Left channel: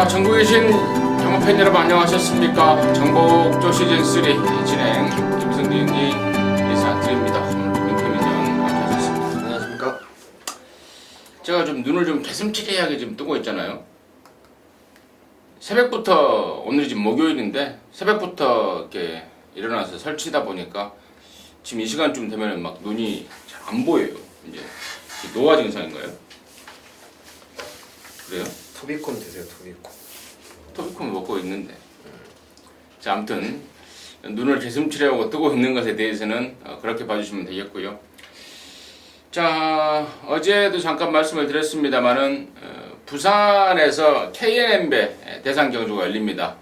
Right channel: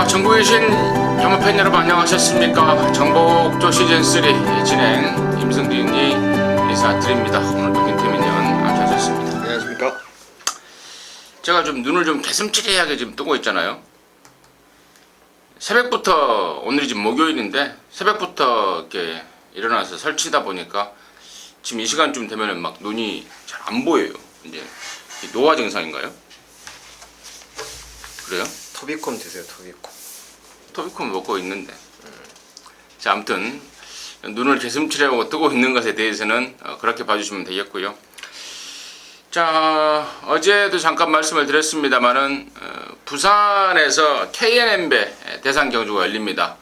자, 전국에 계신 영화팬 여러분 안녕하셨습니까? 정복조 시즌3 진행 김승진이 인사드립니다. 오늘도 민태민연 앉아셨습니다. 안녕하십니까? 제가 좀 눈을 좀 개슴츠레하게 지금 뜨고 있잖아요. 새벽부터, 오늘이 지금 목요일인데 새벽부터 이렇게 일어나서 설치다 보니까 지금 이 시간쯤 되면 막 눈이 잘 안 보여요. 이제 노화 증상인가요? 그래요? 터비콘 드세요, 터비콘. 토비콘 먹고 있는데. 자, 아무튼 눈을 개슴츠레하고 뜨고 있는 것에 대해서는 그렇게 봐주시면 되겠고요. 자, 어제도 잠깐 말씀을 드렸습니다만은 부산에서 KNN배 대상 경주가 열립니다.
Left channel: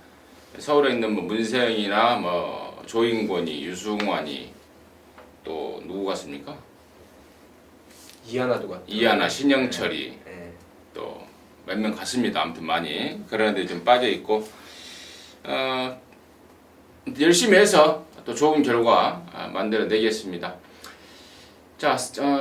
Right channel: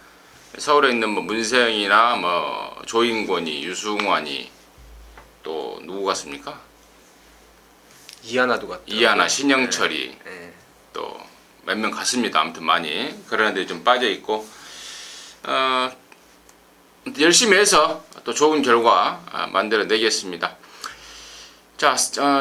서울에 있는 뭐 문세영이나 뭐 조인권이, 유승환이 또 누구 같습니까? 이하나도 같다. 이하나, 신영철이 네. 또 몇 명 갔습니다. 아무튼 많이 그런데 좀 빠져 있고 열심히 해서 또 좋은 결과 만들어내겠습니다. 자,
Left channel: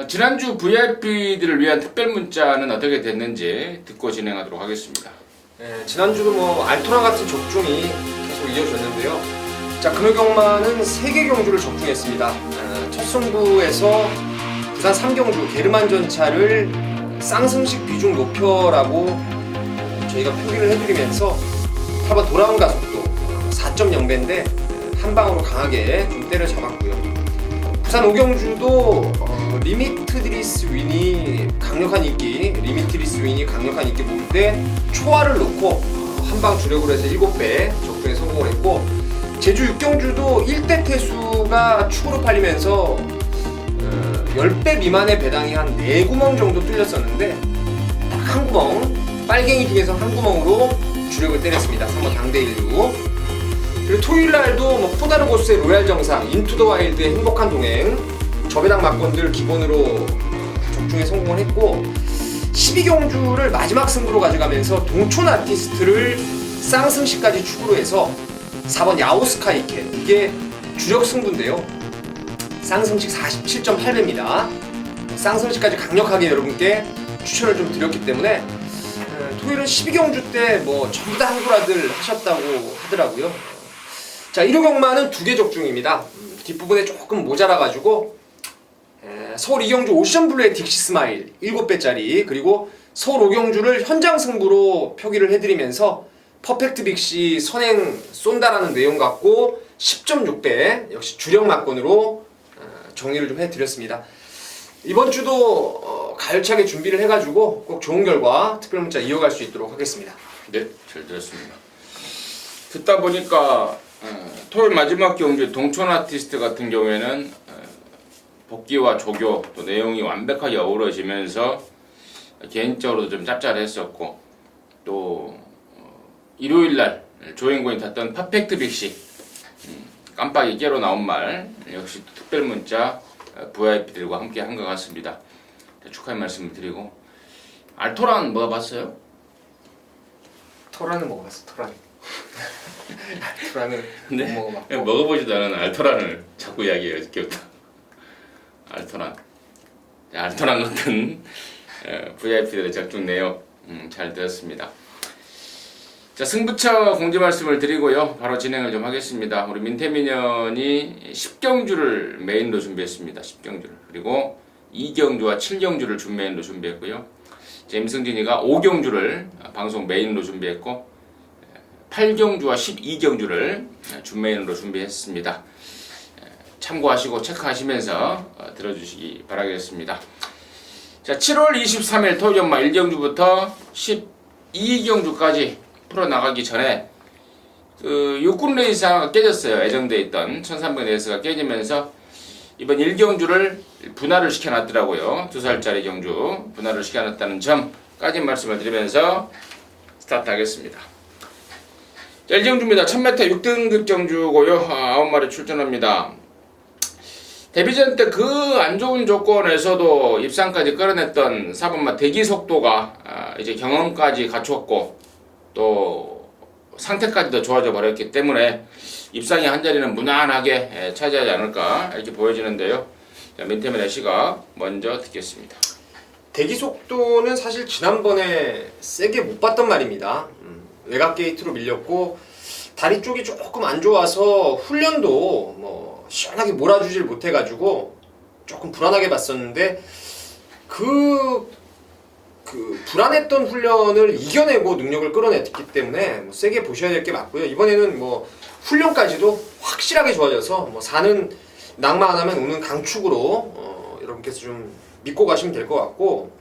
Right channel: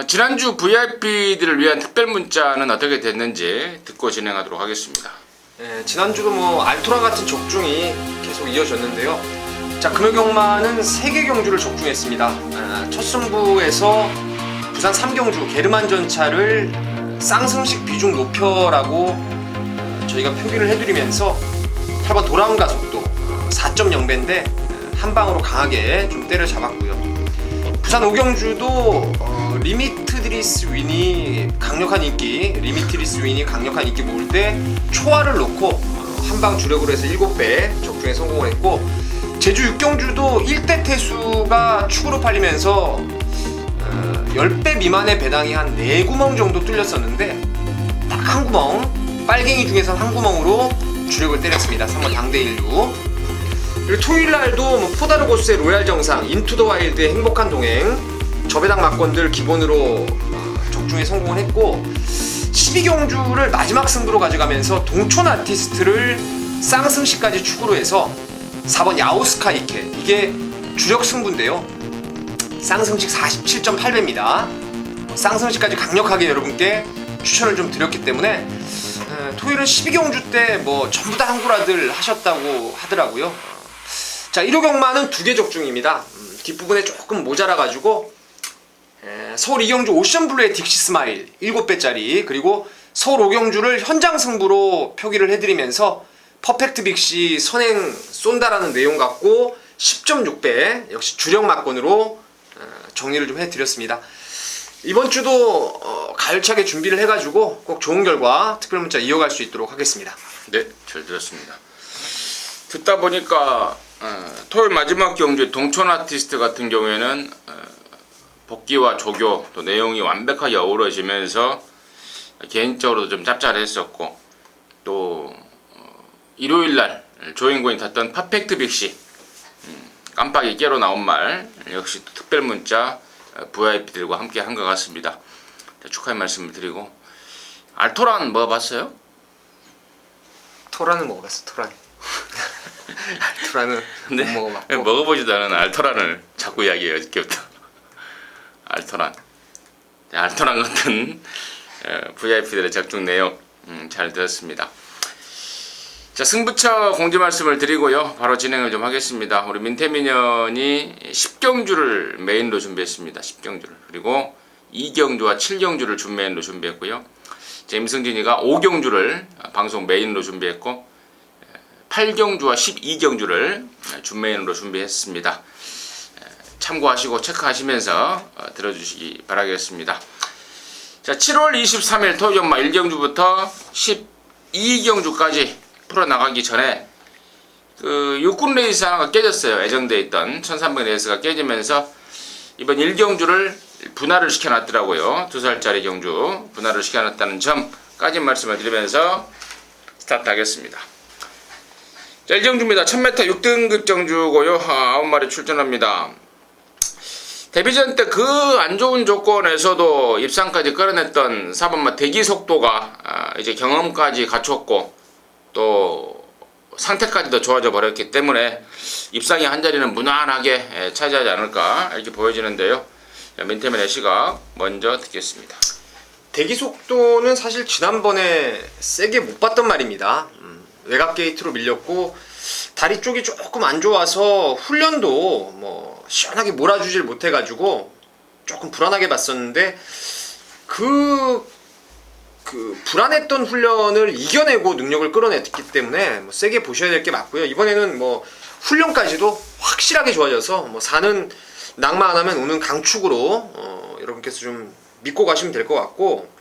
지난주 VIP들을 위한 특별 문자는 어떻게 됐는지 듣고 진행하도록 하겠습니다. 네, 지난주도 뭐 알토란 같은 적중이 계속 이어졌는데요. 자, 금요경마는 3개 경주를 적중했습니다. 첫 승부에서 부산 3경주 게르만 전차를 쌍승식 비중 높여라고 저희가 표기를 해드리면서 8번 돌아온 가속도 4.0배인데 한 방으로 강하게 좀 때려잡았고요. 부산 5경주도 리미트리스 윈이 강력한 인기 모을 때 초하를 놓고 한 방 주력으로 해서 7배 적중에 성공을 했고, 제주 6경주도 1대 태수가 축으로 팔리면서 10배 미만의 배당이 한 4구멍 정도 뚫렸었는데 딱 한 구멍, 빨갱이 중에서 한 구멍으로 주력을 때렸습니다. 3번 당대1루. 그리고 토요일날도 뭐 포다르고스의 로얄 정상, 인투 더 와일드의 행복한 동행, 저배당 막건들 기본으로 적중에 성공을 했고, 12경주를 마지막 승부로 가져가면서 동촌 아티스트를 쌍승시까지 축으로 해서 4번 야오스카이케, 이게 주력 승부인데요. 쌍승식 47.8배입니다. 쌍승식까지 강력하게 여러분께 추천을 좀 드렸기 때문에 토요일은 12경주 때 뭐 전부 다 한구라들 하셨다고 하더라고요. 자, 1호 경마는 2개 적중입니다. 뒷부분에 조금 모자라가지고 서울 2경주 오션블루의 딕시 스마일 7배짜리, 그리고 서울 5경주를 현장 승부로 표기를 해드리면서 퍼펙트 빅시 선행 쏜다라는 내용 갖고 10.6배 역시 주력 막건으로 정리를 좀 해드렸습니다. 이번 주도 가열차게 준비를 해가지고 꼭 좋은 결과 특별 문자 이어갈 수 있도록 하겠습니다. 네, 잘 들었습니다. 듣다 보니까 토요일 마지막 경주 동촌 아티스트 같은 경우에는 복귀와 조교 또 내용이 완벽하게 어우러지면서 개인적으로도 좀 짭짤했었고, 또 일요일날 조인권이 탔던 퍼펙트 빅시 깜빡이 깨로 나온 말 역시 특별 문자 VIP들과 함께 한 것 같습니다. 축하의 말씀을 드리고, 알토란 먹어봤어요? 토란은 먹어봤어, 토란. 토란은 네, 못 먹어봤고. 먹어보지도 않은 알토란을 자꾸 이야기해요, 어저께부터. 알토란. 알토란 같은 VIP들의 적중 내역 잘 들었습니다. 자, 승부처 공지 말씀을 드리고요. 바로 진행을 좀 하겠습니다. 우리 민태민연이 10경주를 메인으로 준비했습니다. 10경주를. 그리고 2경주와 7경주를 준메인으로 준비했고요. 임승진이가 5경주를 방송 메인으로 준비했고 8경주와 12경주를 준메인으로 준비했습니다. 참고하시고 체크하시면서 들어주시기 바라겠습니다. 자, 7월 23일 토요일마 1경주부터 12경주까지 풀어나가기 전에 육군 레이스가 깨졌어요. 예정돼 있던 1300 레이스가 깨지면서 이번 1경주를 분할을 시켜놨더라고요. 2살짜리 경주 분할을 시켜놨다는 점까지 말씀을 드리면서 스타트 하겠습니다. 자, 1경주입니다. 1000m 6등급 경주고요. 9마리 출전합니다. 데뷔전 때 그 안 좋은 조건에서도 입상까지 끌어냈던 4번마 대기 속도가 이제 경험까지 갖췄고 또 상태까지도 좋아져 버렸기 때문에 입상의 한 자리는 무난하게 차지하지 않을까 이렇게 보여지는데요. 민태민의 시각 먼저 듣겠습니다. 대기 속도는 사실 지난번에 세게 못 봤던 말입니다. 외곽 게이트로 밀렸고 다리 쪽이 조금 안 좋아서 훈련도 뭐 시원하게 몰아주질 못해가지고 조금 불안하게 봤었는데 그 불안했던 훈련을 이겨내고 능력을 끌어냈기 때문에 뭐 세게 보셔야 될 게 맞고요. 이번에는 뭐 훈련까지도 확실하게 좋아져서 뭐 사는 낙마 안 하면 오는 강축으로 여러분께서 좀 믿고 가시면 될 것 같고,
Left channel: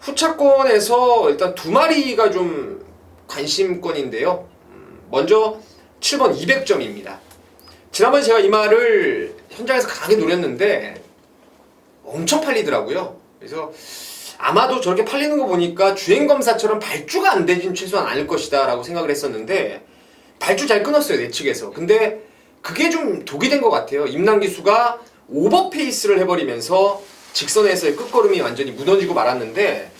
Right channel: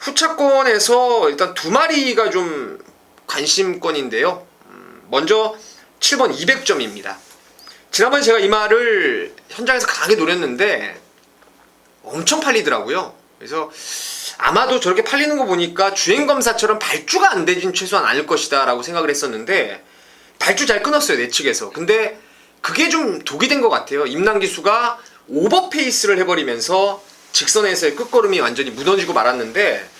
후차권에서 일단 두 마리가 좀 관심권인데요. 먼저 7번 200점입니다. 지난번에 제가 이 말을 현장에서 강하게 노렸는데 엄청 팔리더라고요. 그래서 아마도 저렇게 팔리는 거 보니까 주행검사처럼 발주가 안 되진 최소한 않을 것이다 라고 생각을 했었는데 발주 잘 끊었어요, 내 측에서. 근데 그게 좀 독이 된 것 같아요. 임당기수가 오버페이스를 해버리면서 직선에서의 끝걸음이 완전히 무너지고 말았는데,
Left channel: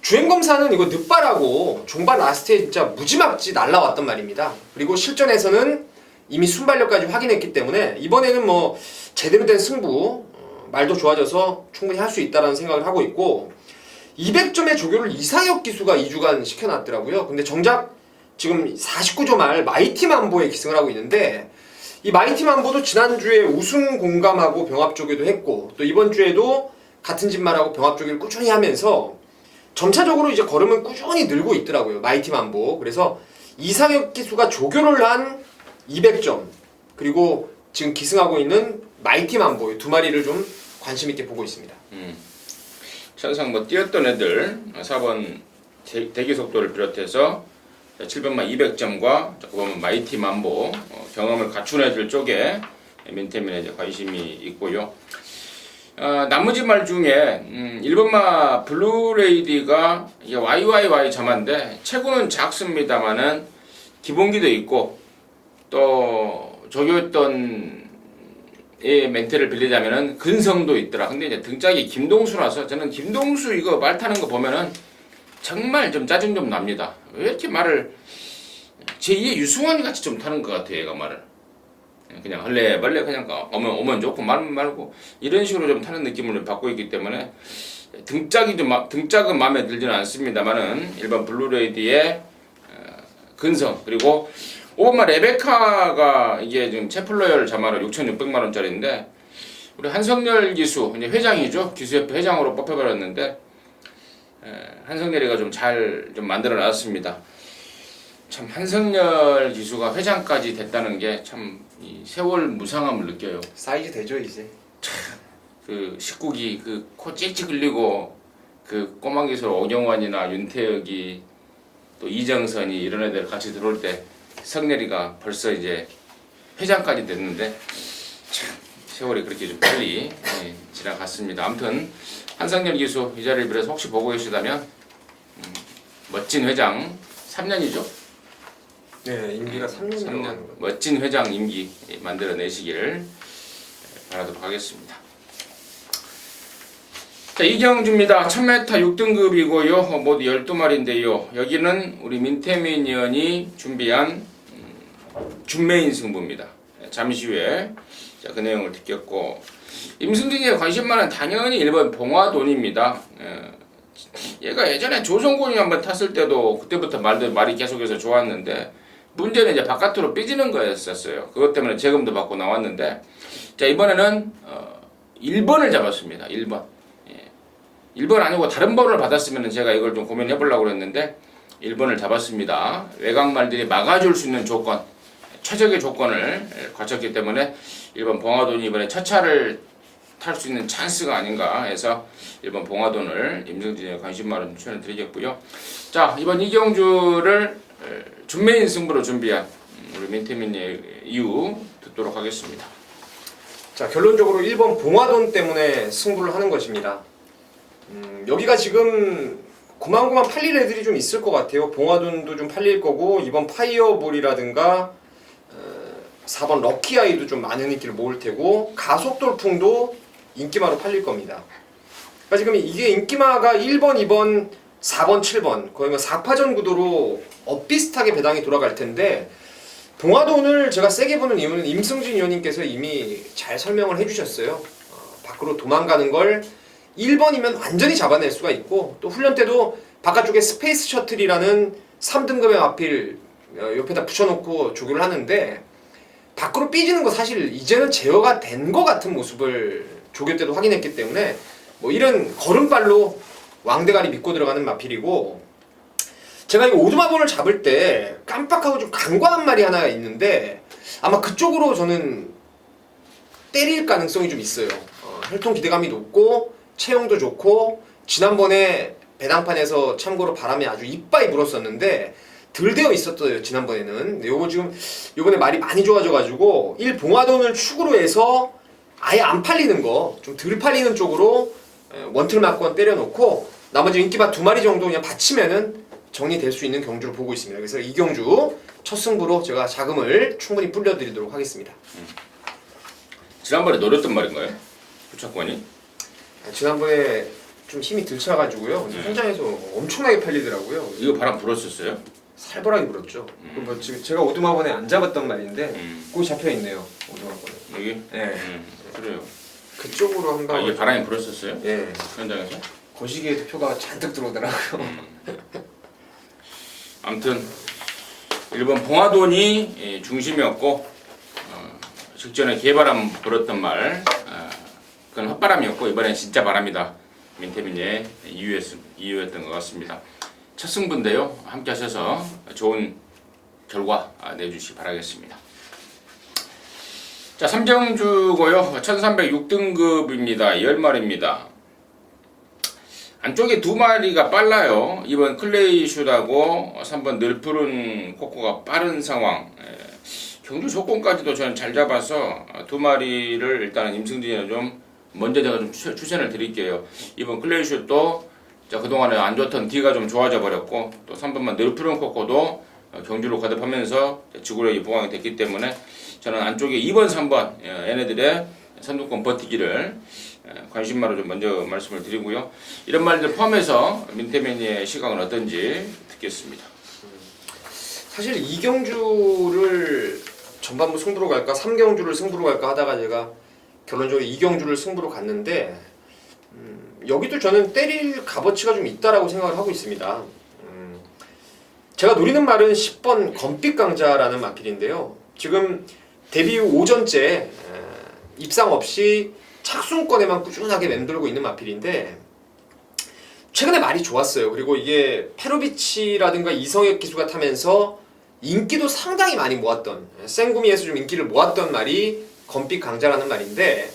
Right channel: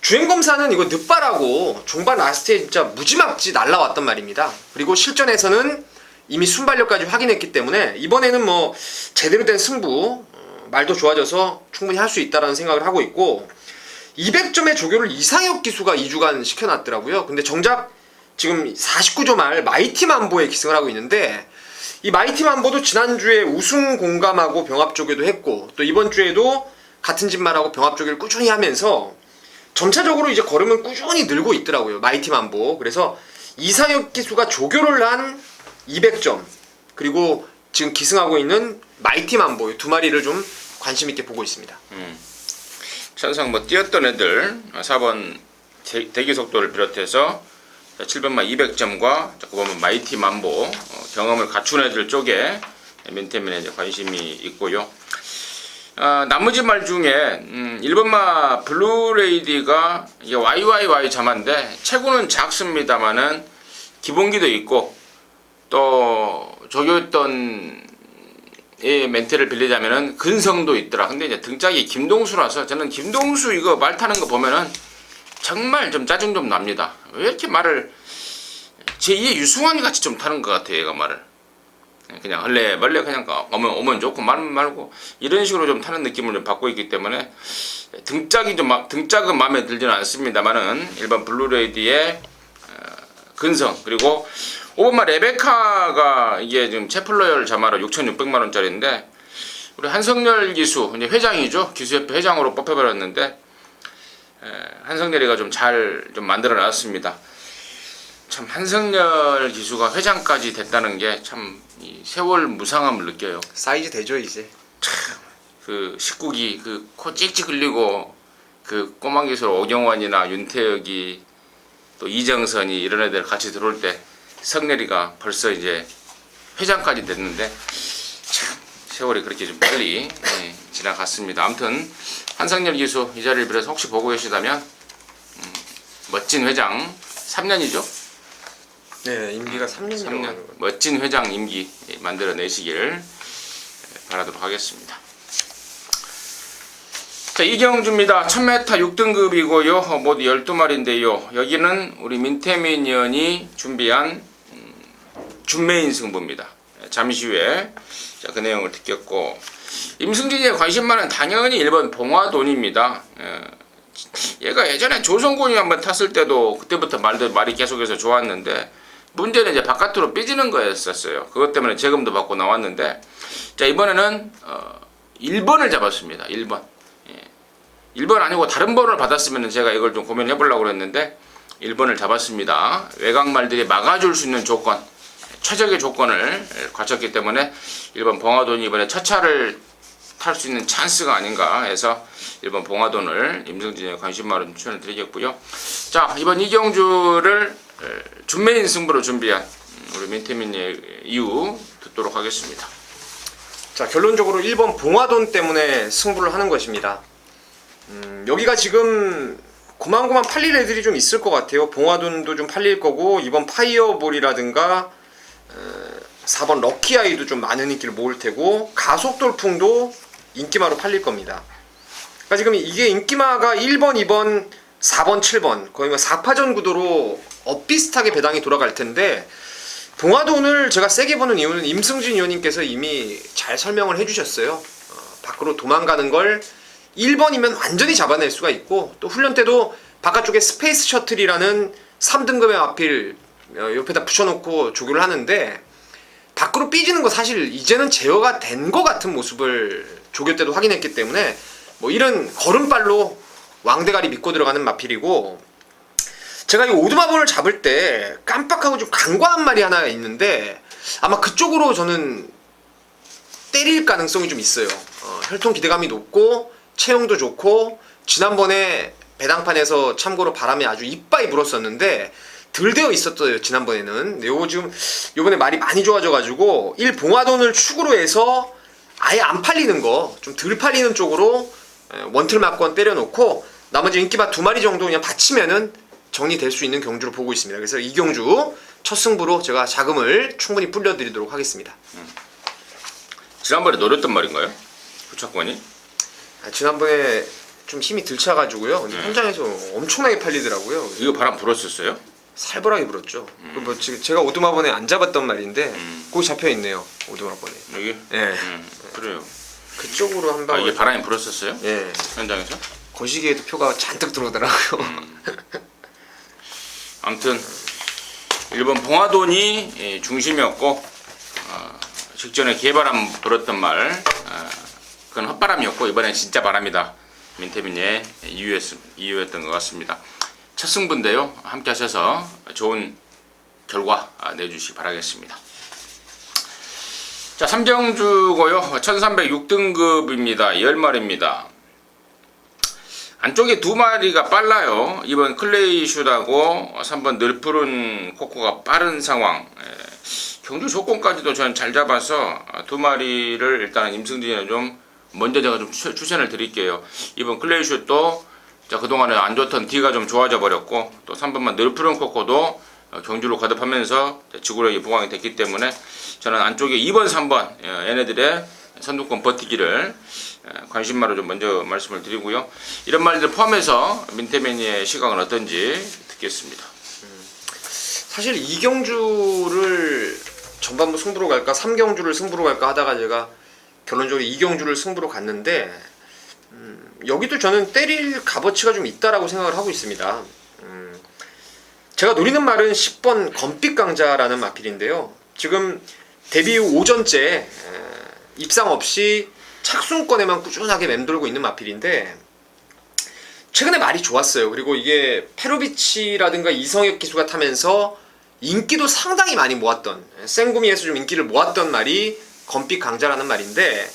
주행검사는 이거 늦바라고 종반 라스트에 진짜 무지막지 날라왔단 말입니다. 그리고 실전에서는 이미 순발력까지 확인했기 때문에 이번에는 뭐 제대로 된 승부, 말도 좋아져서 충분히 할 수 있다라는 생각을 하고 있고, 200점의 조교를 이상혁 기수가 2주간 시켜놨더라고요. 근데 정작 지금 49조 말 마이티 만보에 기승을 하고 있는데, 이 마이티 만보도 지난주에 우승 공감하고 병합 조교도 했고 또 이번 주에도 같은 집 말하고 병합 조교를 꾸준히 하면서 점차적으로 이제 걸음은 꾸준히 늘고 있더라고요, 마이티 만보. 그래서 이상혁 기수가 조교를 한 200점, 그리고 지금 기승하고 있는 마이티 만보 두 마리를 좀 관심 있게 보고 있습니다. 천상 뭐 뛰었던 애들 4번 대기 속도를 비롯해서 7번만 200점과 보면 마이티 만보 경험을 갖춘 애들 쪽에 민태민에 관심이 있고요. 나머지 말 중에 1번마 블루레이디가 이게 YYY 자마인데 체구는 작습니다만은 기본기도 있고 또 조교했던 이 멘트를 빌리자면은 근성도 있더라. 근데 이제 등짝이 김동수라서 저는 김동수 이거 말 타는 거 보면은 정말 좀 짜증 좀 납니다. 왜 이렇게 말을 제2의 유승환이 같이 좀 타는 것 같아요, 얘가 말을. 그냥 헐레벌레 그냥 오면 좋고 말면 말고 이런 식으로 좀 타는 느낌을 좀 받고 있기 때문에 등짝은 마음에 들지는 않습니다만은 일반 블루레이디의 근성, 그리고 5번마 레베카가 이게 지금 채플러열 자마로 6,600만원짜리인데 우리 한성열 기수 이제 회장이죠, 기수협회 회장으로 뽑혀버렸는데 한성열이가 좀 잘 좀 만들어 놨습니다. 참 한성열 기수가 회장까지 됐다는 게 참 세월 무상함을 느껴요. 사이즈 되죠 이제. 그 19기 그 코 찍찍 흘리고 그 꼬마 기술 오경환이나 윤태혁이 또 이정선이 이런 애들 같이 들어올 때 성렬이가 벌써 이제 회장까지 됐는데 참 세월이 그렇게 좀 빨리 지나갔습니다. 아무튼 한성열 기수 이 자리를 빌어서 혹시 보고 계시다면 멋진 회장 3년이죠? 네, 임기가 3년이라고 하는 3년 거예요. 멋진 회장 임기 만들어내시길 바라도록 하겠습니다. 자, 이경주입니다. 1000m 6등급이고요. 모두 12마리인데요. 여기는 우리 민태민 의원이 준비한 준메인 승부입니다. 잠시 후에 자, 그 내용을 듣겠고, 임승진이에 관심 많은 당연히 1번 봉화돈입니다. 얘가 예전에 조선군이 한번 탔을 때도 그때부터 말이 계속해서 좋았는데 문제는 이제 바깥으로 삐지는 거였었어요. 그것 때문에 재검도 받고 나왔는데, 자, 이번에는 1번을 잡았습니다. 1번. 1번 아니고 다른 번을 받았으면 제가 이걸 좀 고민해 보려고 했는데 1번을 잡았습니다. 외곽말들이 막아줄 수 있는 조건, 최적의 조건을 갖췄기 때문에 1번 봉화돈이 이번에 첫 차를 탈 수 있는 찬스가 아닌가 해서 1번 봉화돈을 임승진의 관심 많은 추천을 드리겠고요. 자, 이번 이경주를 준메인 승부로 준비한 우리 민태민의 이유 듣도록 하겠습니다. 자, 결론적으로 1번 봉화돈 때문에 승부를 하는 것입니다. 여기가 지금 고만고만 팔릴 애들이 좀 있을 것 같아요. 봉화돈도 좀 팔릴 거고, 이번 파이어볼이라든가 4번 럭키아이도 좀 많은 인기를 모을 테고, 가속돌풍도 인기마로 팔릴 겁니다. 그러니까 지금 이게 인기마가 1번, 2번, 4번, 7번 거의 4파전 구도로 엇비슷하게 배당이 돌아갈 텐데, 봉화돈을 제가 세게 보는 이유는 임승진 의원님께서 이미 잘 설명을 해주셨어요. 밖으로 도망가는 걸 1번이면 완전히 잡아낼 수가 있고, 또 훈련 때도 바깥쪽에 스페이스 셔틀이라는 3등급의 마필 옆에다 붙여놓고 조교를 하는데 밖으로 삐지는 거 사실 이제는 제어가 된 거 같은 모습을 조교 때도 확인했기 때문에 뭐 이런 걸음발로 왕대가리 믿고 들어가는 마필이고, 제가 이 오두마본을 잡을 때 깜빡하고 좀 간과한 말이 하나 있는데 아마 그쪽으로 저는 때릴 가능성이 좀 있어요. 혈통 기대감이 높고 체형도 좋고 지난번에 배당판에서 참고로 바람이 아주 이빠이 불었었는데 덜 되어 있었어요 지난번에는. 근데 요거 지금 요번에 말이 많이 좋아져가지고 1봉화돈을 축으로 해서 아예 안 팔리는 거 좀 덜 팔리는 쪽으로 원틀 막건 때려놓고 나머지 인기바 2마리 정도 그냥 받치면은 정리될 수 있는 경주로 보고 있습니다. 그래서 이 경주 첫 승부로 제가 자금을 충분히 불려드리도록 하겠습니다. 지난번에 노렸던 말인가요? 후착권이? 지난번에 좀 힘이 덜 차가지고요. 근데 현장에서 엄청나게 팔리더라고요. 이거 바람 불었었어요? 살벌하게 불었죠. 뭐 지금 제가 오두마번에 안 잡았던 말인데 거기 잡혀 있네요. 오두마번에. 여기? 예. 그래요. 그쪽으로 한 아, 방울. 이게 바람이 불었었어요? 예. 현장에서? 거시기에도 표가 잔뜩 들어오더라고요. 아무튼 일본 봉화돈이 중심이었고 직전에 개바람 불었던 말 그건 헛바람이었고 이번엔 진짜 바람이다. 민태민의 이유였던 것 같습니다. 첫 승부인데요. 함께 하셔서 좋은 결과 내주시기 바라겠습니다. 자, 3경주고요. 1306등급입니다. 10마리입니다. 안쪽에 2마리가 빨라요. 2번 클레이슛하고 3번 늘푸른 코코가 빠른 상황. 경주 조건까지도 저는 잘 잡아서 2마리를 일단 임승진이는 좀 먼저 제가 좀 추천을 드릴게요. 2번 클레이슛도 그동안에 안 좋던 D가 좀 좋아져 버렸고, 또 3번만 늘푸른 코코도 경주로 거듭하면서 지구력이 부각이 됐기 때문에 저는 안쪽에 2번, 3번 얘네들의 선두권 버티기를 관심마로 좀 먼저 말씀을 드리고요. 이런 말들 포함해서 민태맨의 시각은 어떤지 듣겠습니다. 사실 2경주를 전반부 승부로 갈까 3경주를 승부로 갈까 하다가 제가 결론적으로 2경주를 승부로 갔는데 여기도 저는 때릴 값어치가 좀 있다라고 생각을 하고 있습니다. 제가 노리는 말은 10번 검빛 강자라는 마필인데요. 지금 데뷔 후 5전째 입상 없이 착순권에만 꾸준하게 맴돌고 있는 마필인데 최근에 말이 좋았어요. 그리고 이게 페로비치라든가 이성혁 기수가 타면서 인기도 상당히 많이 모았던, 생구미에서 좀 인기를 모았던 말이 검빛 강자라는 말인데,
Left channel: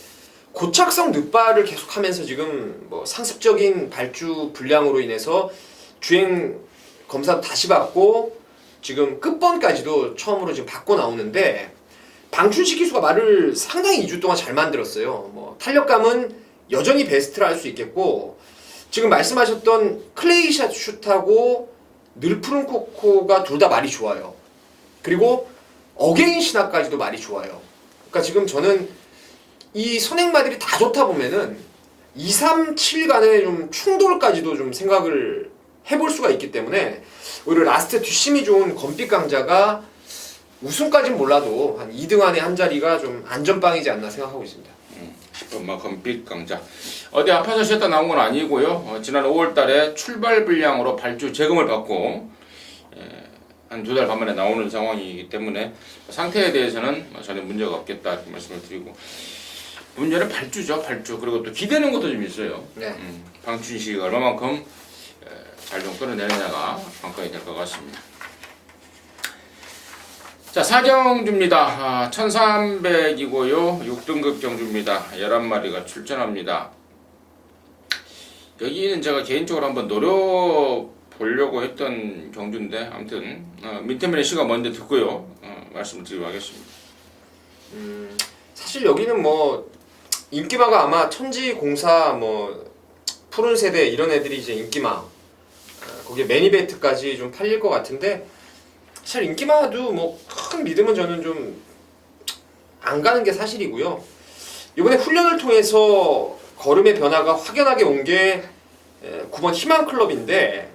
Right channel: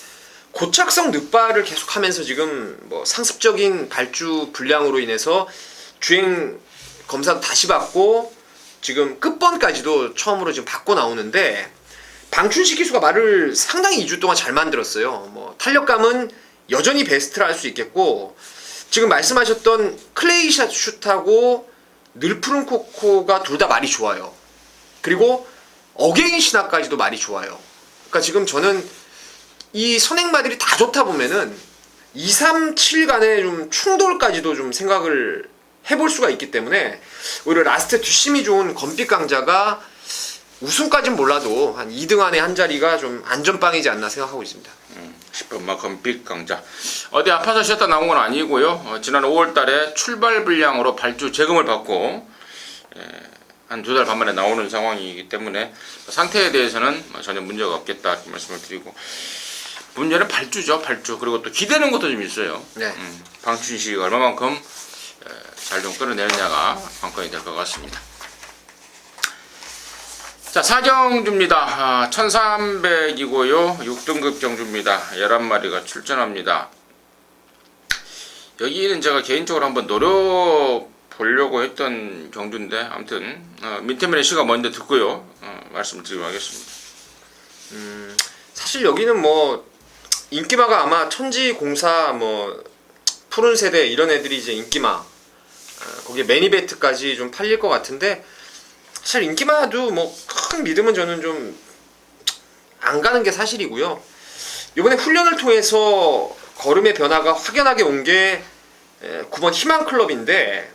고착성 늑발을 계속하면서 지금 뭐 상습적인 발주 불량으로 인해서 주행 검사도 다시 받고 지금 끝번까지도 처음으로 지금 받고 나오는데, 방춘식 기수가 말을 상당히 2주 동안 잘 만들었어요. 뭐 탄력감은 여전히 베스트라 할 수 있겠고, 지금 말씀하셨던 클레이샷 슛하고 늘푸른 코코가 둘 다 말이 좋아요. 그리고 어게인 신화까지도 말이 좋아요. 그러니까 지금 저는 이 선행마들이 다 좋다 보면은 2, 3, 7 간의 좀 충돌까지도 좀 생각을 해볼 수가 있기 때문에 오히려 라스트 뒷심이 좋은 검빛 강자가 우승까지는 몰라도 한 2등 안에 한 자리가 좀 안전빵이지 않나 생각하고 있습니다. 10번 검빛 강자. 어디 아파서 쉬었다 나온 건 아니고요. 지난 5월달에 출발 불량으로 발주 재검을 받고 한 2달 반 만에 나오는 상황이기 때문에 상태에 대해서는 전혀 문제가 없겠다 이렇게 말씀을 드리고, 문제는 발주죠. 발주. 그리고 또 기대는 것도 좀 있어요. 네. 방춘식이 얼마만큼 잘 좀 끌어내느냐가 관건이 될 것 같습니다. 자, 4경주입니다. 1300이고요. 6등급 경주입니다. 11마리가 출전합니다. 여기는 제가 개인적으로 한번 노려보려고 했던 경주인데, 아무튼 민태민의 시가 먼저 듣고요. 말씀을 드리도록 하겠습니다. 사실 여기는 뭐 인기마가 아마 천지공사 뭐 푸른 세대 이런 애들이 이제 인기마, 거기에 매니베이트까지 좀 팔릴 것 같은데, 사실 인기마도 뭐 큰 믿음은 저는 좀 안 가는 게 사실이고요. 이번에 훈련을 통해서 걸음의 변화가 확연하게 온 게 9번 희망클럽인데,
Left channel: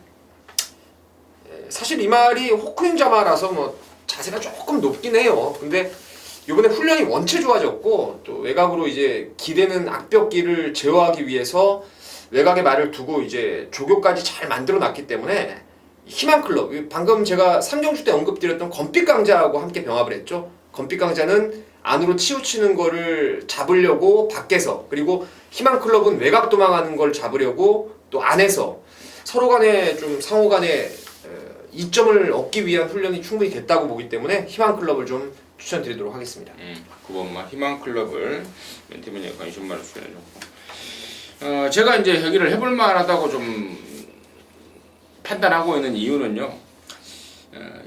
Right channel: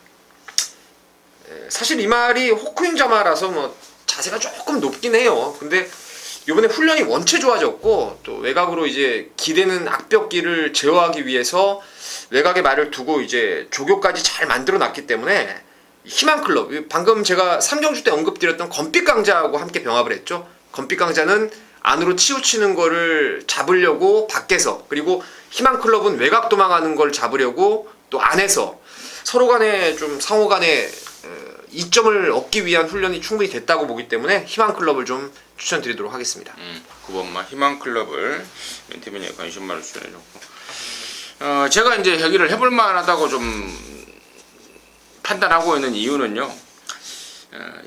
사실 이 말이 호크인자마라서 뭐 자세가 조금 높긴 해요. 근데 이번에 훈련이 원체 좋아졌고, 또 외곽으로 이제 기대는 악벽기를 제어하기 위해서 외곽에 말을 두고 이제 조교까지 잘 만들어 놨기 때문에 희망클럽, 방금 제가 3경주 때 언급드렸던 건빛강자하고 함께 병합을 했죠. 건빛강자는 안으로 치우치는 거를 잡으려고 밖에서, 그리고 희망클럽은 외곽 도망하는 걸 잡으려고 또 안에서 서로 간에 좀 상호 간에 이점을 얻기 위한 훈련이 충분히 됐다고 보기 때문에 희망클럽을 좀 추천드리도록 하겠습니다. 9번마 희망클럽을 멘티맨에 관심만을 추천해줬고, 제가 이제 여기를 해볼 만하다고 좀 판단하고 있는 이유는요,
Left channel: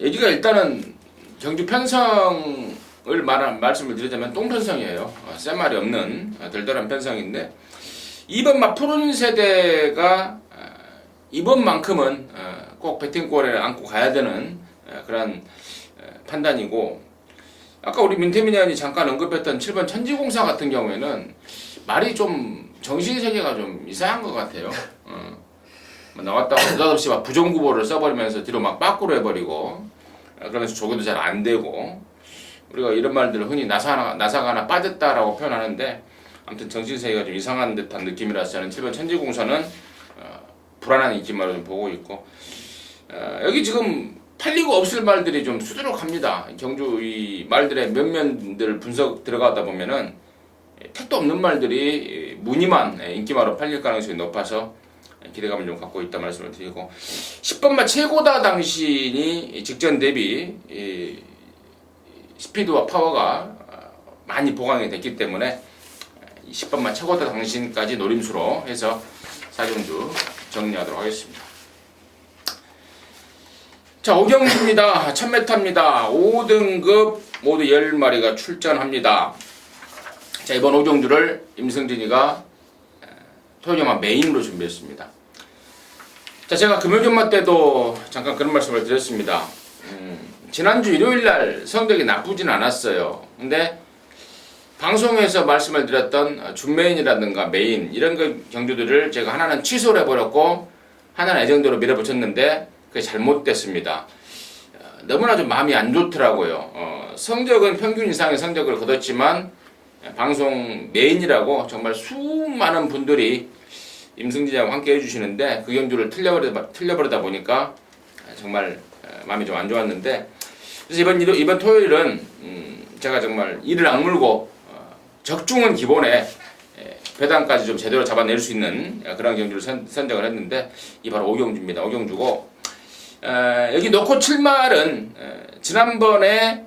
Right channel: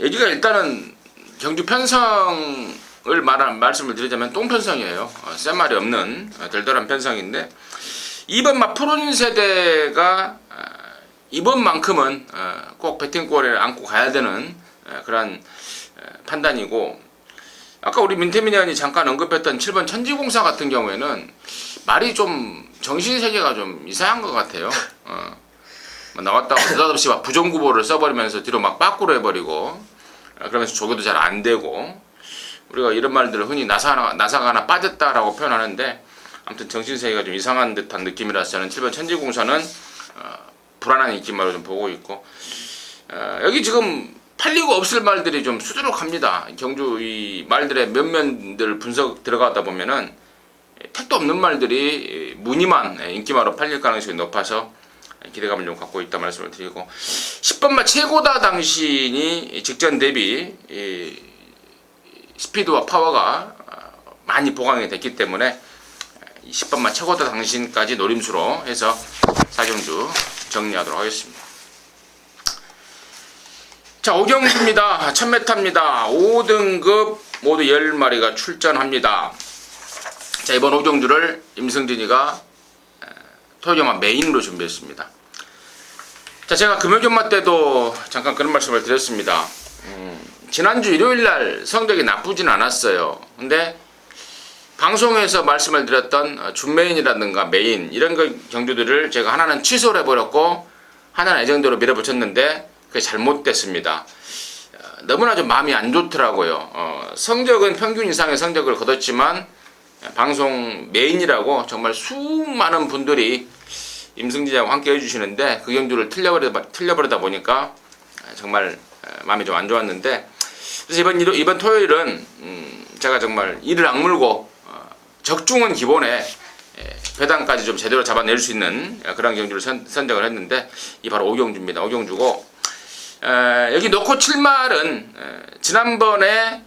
여기가 일단은 경주 편성을 말씀을 드리자면 똥편성이에요. 쌤말이 없는 덜덜한 편성인데, 이번 푸른 세대가 이번만큼은 꼭 배팅골에 안고 가야 되는 그런 판단이고, 아까 우리 민태민이 잠깐 언급했던 7번 천지공사 같은 경우에는 말이 좀 정신세계가 좀 이상한 것 같아요. 나왔다가 느닷없이 막 부정구보를 써버리면서 뒤로 막 빠꾸로 해버리고, 그러면서 조교도 잘 안 되고, 우리가 이런 말들을 흔히 나사가 하나 빠졌다라고 표현하는데, 아무튼 정신세계가 좀 이상한 듯한 느낌이라서 저는 7번 천지공사는 불안한 인기말로 좀 보고 있고, 여기 지금 팔리고 없을 말들이 좀 수두룩합니다. 경주 이 말들의 면면들 분석 들어가다 보면은 택도 없는 말들이 무늬만 인기말로 팔릴 가능성이 높아서 기대감을 좀 갖고 있다 말씀을 드리고, 10번마 최고다 당신이 직전 대비 스피드와 파워가 많이 보강이 됐기 때문에 10번마 최고다 당신까지 노림수로 해서 4경주 정리하도록 하겠습니다. 자, 5경주입니다. 1000m입니다. 5등급 모두 10마리가 출전합니다. 자, 이번 5경주를 임승진이가 토요경마 메인으로 준비했습니다. 자, 제가 금요경마 때도 잠깐 그런 말씀을 드렸습니다. 지난주 일요일날 성적이 나쁘진 않았어요. 근데 방송에서 말씀을 드렸던 준메인이라든가 메인 이런 경주들을 제가 하나는 취소를 해버렸고 하나는 애정대로 밀어붙였는데 그게 잘못됐습니다. 너무나 좀 마음이 안 좋더라고요. 성적은 평균 이상의 성적을 거뒀지만 방송 메인이라고 정말 수많은 분들이 임승진이하고 함께 해주시는데 그 경주를 틀려버리다 보니까 정말 마음이 좀 안 좋았는데, 그래서 이번 토요일은 제가 정말 이를 악물고 적중은 기본에 배당까지 좀 제대로 잡아낼 수 있는 그런 경주를 선정을 했는데, 이 바로 5경주입니다. 5경주고, 여기 놓고 7말은 지난번에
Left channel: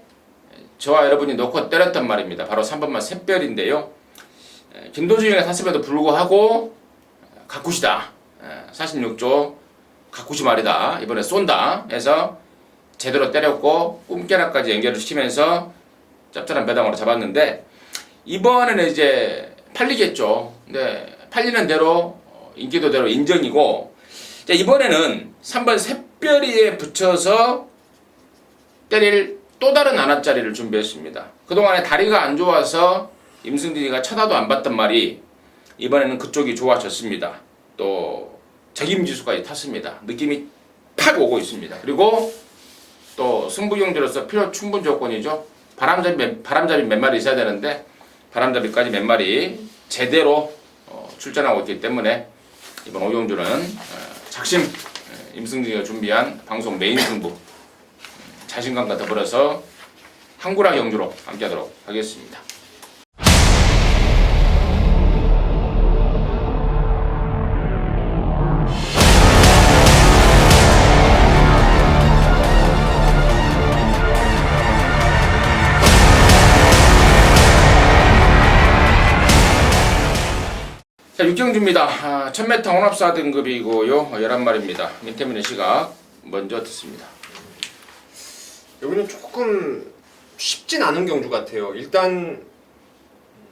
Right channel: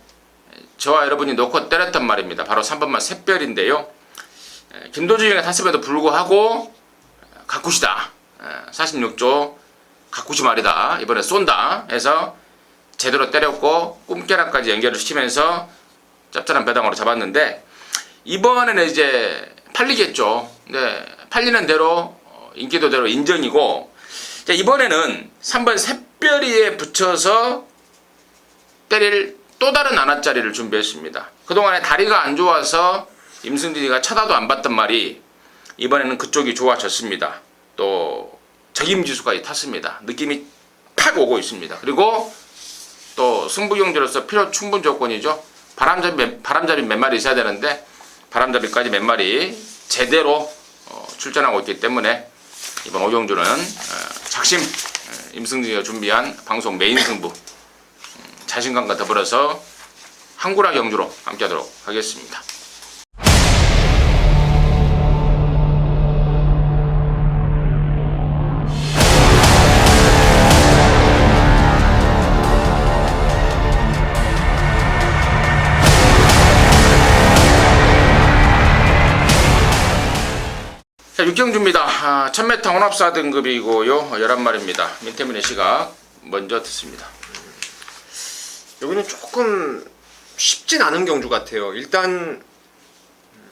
저와 여러분이 놓고 때렸던 말입니다. 바로 3번말 샛별인데요. 김도준이가 탔음에도 불구하고 가쿠시다, 46조 가쿠시 말이다, 이번에 쏜다 해서 제대로 때렸고 꿈깨나까지 연결을 시키면서 짭짤한 배당으로 잡았는데, 이번에는 이제 팔리겠죠. 네, 팔리는 대로 인기도대로 인정이고, 자, 이번에는 3번 샛별이에 붙여서 때릴 또 다른 안아짜리를 준비했습니다. 그동안에 다리가 안 좋아서 임승진이가 쳐다도 안 봤던 말이 이번에는 그쪽이 좋아졌습니다. 또 적임지수까지 탔습니다. 느낌이 팍 오고 있습니다. 그리고 또 승부경주로서 필요 충분 조건이죠. 바람잡이 몇 마리 있어야 되는데 바람잡이까지 몇 마리 제대로 출전하고 있기 때문에 이번 5경주는 작심 임승진이가 준비한 방송 메인 승부 자신감과 더불어서 항구라 경주로 함께하도록 하겠습니다. 자, 6경주입니다. 1000m 혼합사 등급이고요. 11마리입니다. 민태민의 시각 먼저 듣습니다. 여기는 조금 쉽진 않은 경주 같아요. 일단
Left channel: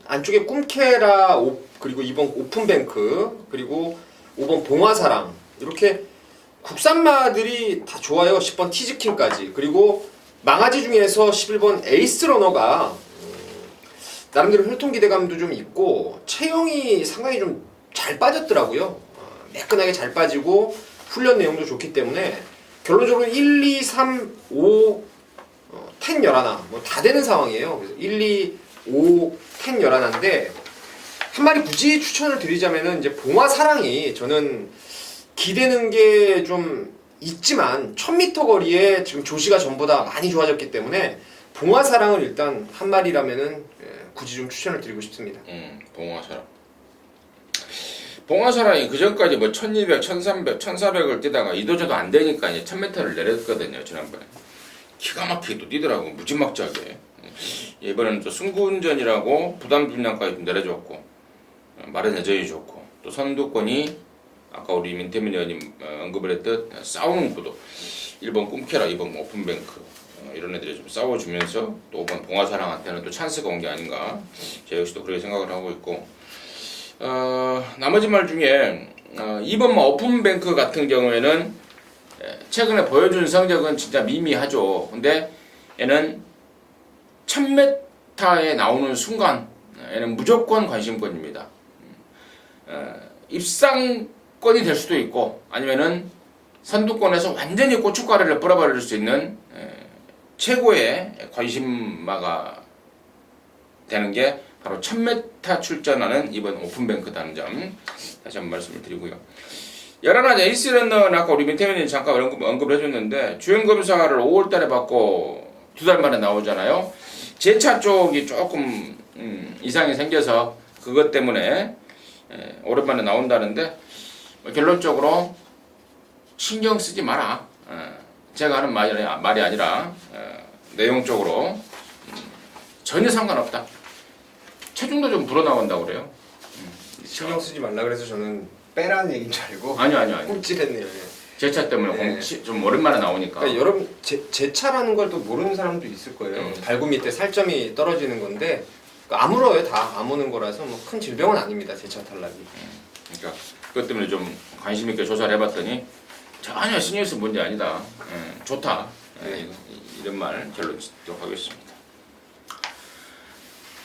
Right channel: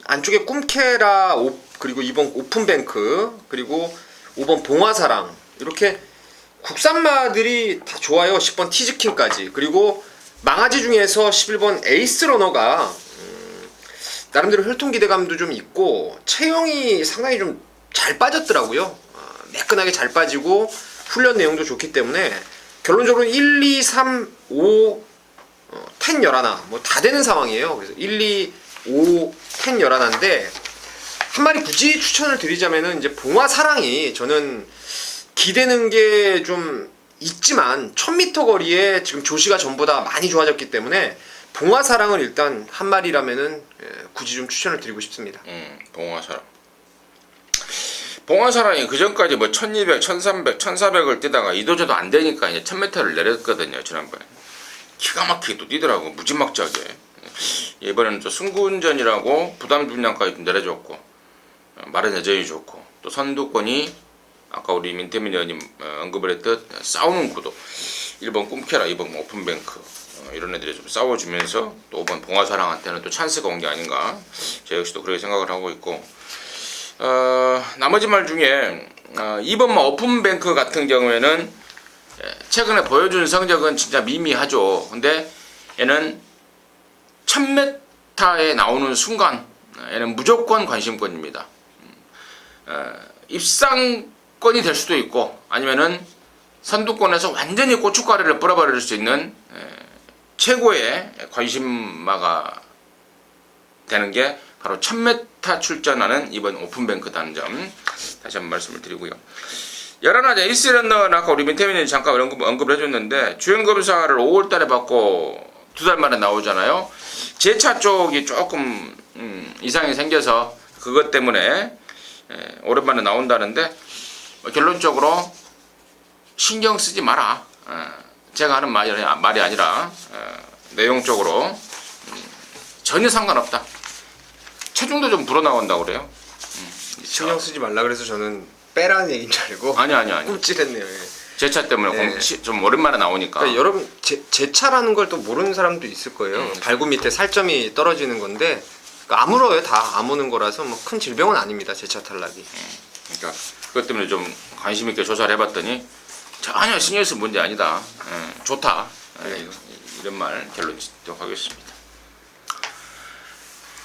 안쪽에 꿈케라 그리고 2번 오픈뱅크 그리고 5번 봉화사랑 이렇게 국산마들이 다 좋아요. 10번 티즈킹까지. 그리고 망아지 중에서 11번 에이스러너가 나름대로 혈통 기대감도 좀 있고 체형이 상당히 좀 잘 빠졌더라고요. 매끈하게 잘 빠지고 훈련 내용도 좋기 때문에 결론적으로 1, 2, 3, 5, 10, 11 뭐 다 되는 상황이에요. 그래서 1, 2, 5, 10, 11인데 한 마리 굳이 추천을 드리자면은 이제 봉화사랑이 저는 기대는 게 좀 있지만 1000m 거리에 지금 조시가 전보다 많이 좋아졌기 때문에 봉화사랑을 일단 한 마리라면은 굳이 좀 추천을 드리고 싶습니다. 봉화사랑. 봉화사랑이 그 전까지 뭐 1200, 1300, 1400을 뛰다가 이도저도 안 되니까 이제 1000m를 내렸거든요. 지난번에 기가 막히게 또 뛰더라고 무지막지하게. 이번에는 또 승군전이라고 부담 분량까지 좀 내려줬고 마른 여전히 좋고 또 선두권이 아까 우리 민태민 의원님 언급을 했듯 싸우는 구도 1번 꿈캐라 2번 오픈뱅크 이런 애들이 좀 싸워주면서 또 5번 봉화사랑한테는 또 찬스가 온 게 아닌가 제가 역시도 그렇게 생각을 하고 있고 나머지 말 중에 2번 오픈뱅크 같은 경우에는 최근에 보여준 성적은 진짜 미미하죠. 근데 얘는 1000m에 나오는 순간 얘는 무조건 관심권입니다. 입상권이 될 수도 있고 아니면은 선두권에서 완전히 고춧가루를 뿌려버릴 수 있는 최고의 관심마가 되는 게 바로 1000m 출전하는 이번 오픈뱅크다는 점 다시 한번 말씀을 드리고요. 11화 에이스런너는 아까 우리 민태민이 잠깐 언급을 해줬는데 주행검사를 5월달에 받고 2달 만에 나오잖아요. 제 차 쪽이 조금 이상이 생겨서 그것 때문에 오랜만에 나온다는데 결론적으로 신경 쓰지 마라. 제가 하는 말이 아니라 내용적으로 전혀 상관없다. 체중도 좀 불어나온다고 그래요. 신경 쓰지 말라 그래서 저는 빼라는 얘기인 줄 알고 아니. 꿀찔했네요. 제 차 때문에 좀 오랜만에 나오니까. 그러니까 여러분 제 차라는 걸 또 모르는 사람도 있을 거예요. 발굽 밑에 살점이 떨어지는 건데 그러니까 아물어요. 다 아무는 거라서 뭐 큰 질병은 아닙니다. 제 차 탈락이. 그러니까 그것 때문에 좀 관심 있게 조사를 해봤더니 전혀 신경 쓸 문제 아니다. 좋다. 이런 말 결론 짓도록 하겠습니다.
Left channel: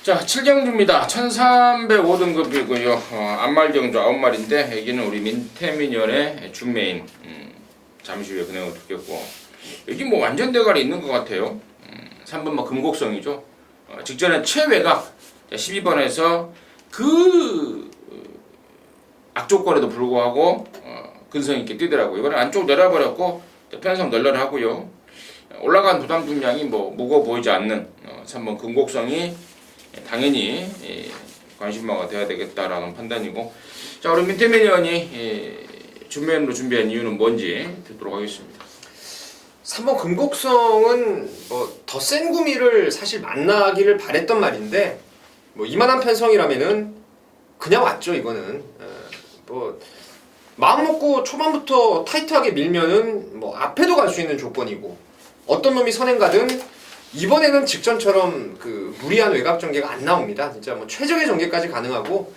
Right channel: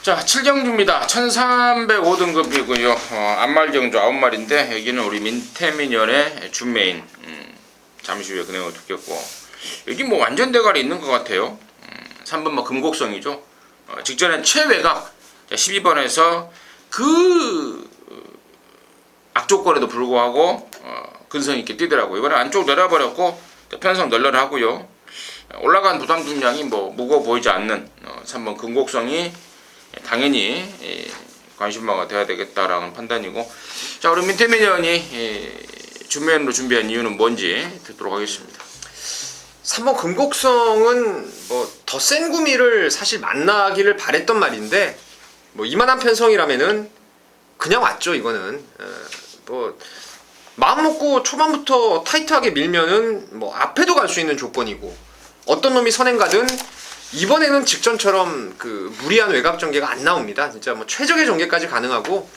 자, 7경주입니다. 1305등급이고요. 안말경주 9마리인데 여기는 우리 민태민연의 준메인. 잠시 후에 그 내용을 듣겠고 여기 뭐 완전 대갈이 있는 것 같아요. 3번 뭐 금곡성이죠. 직전엔 최외곽 12번에서 그 악조건에도 불구하고 근성 있게 뛰더라고요. 이번에 안쪽 내려버렸고 편성 널널하고요. 올라간 부담 분량이 뭐 무거워 보이지 않는 3번 금곡성이 당연히 관심마가 돼야 되겠다라는 판단이고 자 우리 민태민 의원이 준비로 준비한 이유는 뭔지 듣도록 하겠습니다. 3번 금곡성은 뭐 더 센 구미를 사실 만나기를 바랬던 말인데 뭐 이만한 편성이라면은 그냥 왔죠. 이거는 뭐 마음 먹고 초반부터 타이트하게 밀면은 뭐 앞에도 갈 수 있는 조건이고 어떤 놈이 선행 가든 이번에는 직전처럼 그 무리한 외곽 전개가 안 나옵니다. 진짜 뭐 최적의 전개까지 가능하고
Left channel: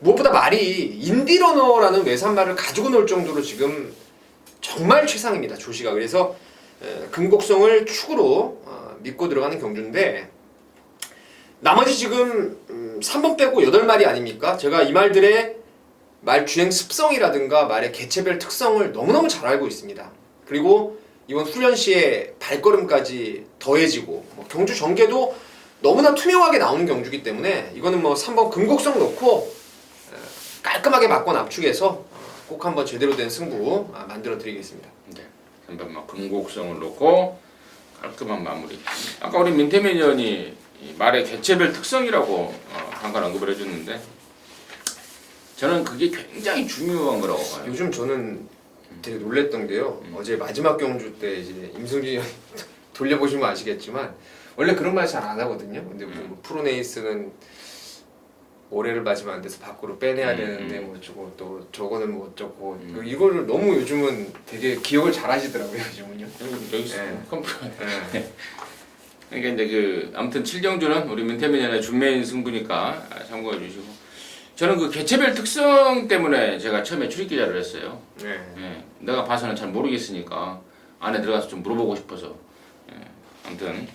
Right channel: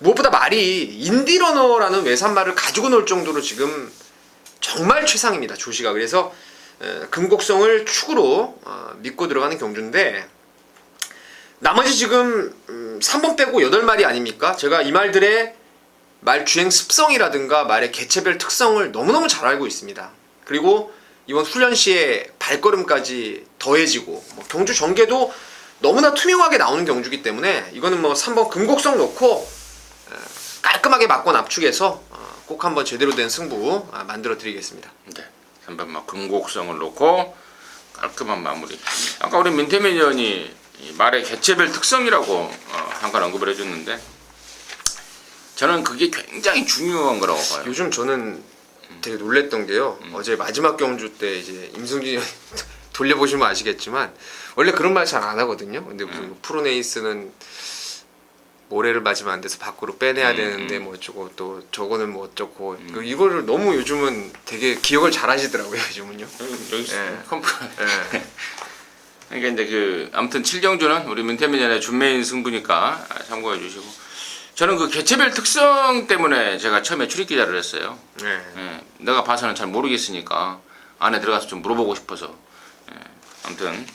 무엇보다 말이 인디러너라는 외산말을 가지고 놀 정도로 지금 정말 최상입니다. 조시가. 그래서 금곡성을 축으로 믿고 들어가는 경주인데 나머지 지금 3번 빼고 8마리 아닙니까? 제가 이 말들의 말 주행 습성이라든가 말의 개체별 특성을 너무너무 잘 알고 있습니다. 그리고 이번 훈련 시에 발걸음까지 더해지고 경주 전개도 너무나 투명하게 나오는 경주기 때문에 이거는 뭐 3번 금곡성 놓고 깔끔하게 맞고 압축해서 꼭 한번 제대로 된 승부 만들어 드리겠습니다. 네, 3번 막 금곡성을 놓고 깔끔한 마무리. 아까 우리 민태민 의원이 말의 개체별 특성이라고 잠깐 언급을 해줬는데 저는 그게 굉장히 중요한 거라고 봐요. 요즘 저는 되게 놀랬던 게요. 어제 마지막 경주 때 이제 임승기 돌려보시면 아시겠지만 원래 그런 말 잘 안 하거든요. 근데 뭐 프로네이스는 모래를 맞으면 안 돼서 밖으로 빼내야 되는데 뭐 어쩌고 또 저거는 뭐 어쩌고 이거를 너무 요즘은 되게 기억을 잘 하시더라고요. 요즘은요. 여기 컴퓨터. 그러니까 이제 그 아무튼 7경주는 우리 민태민연의 준메인 승부니까 참고해 주시고 저는 그 개체별 특성 때문에 제가 처음에 출입 기자를 했어요. 내가 봐서는 잘 모르겠으니까 안에 들어가서 좀 물어보고 싶어서. 아무튼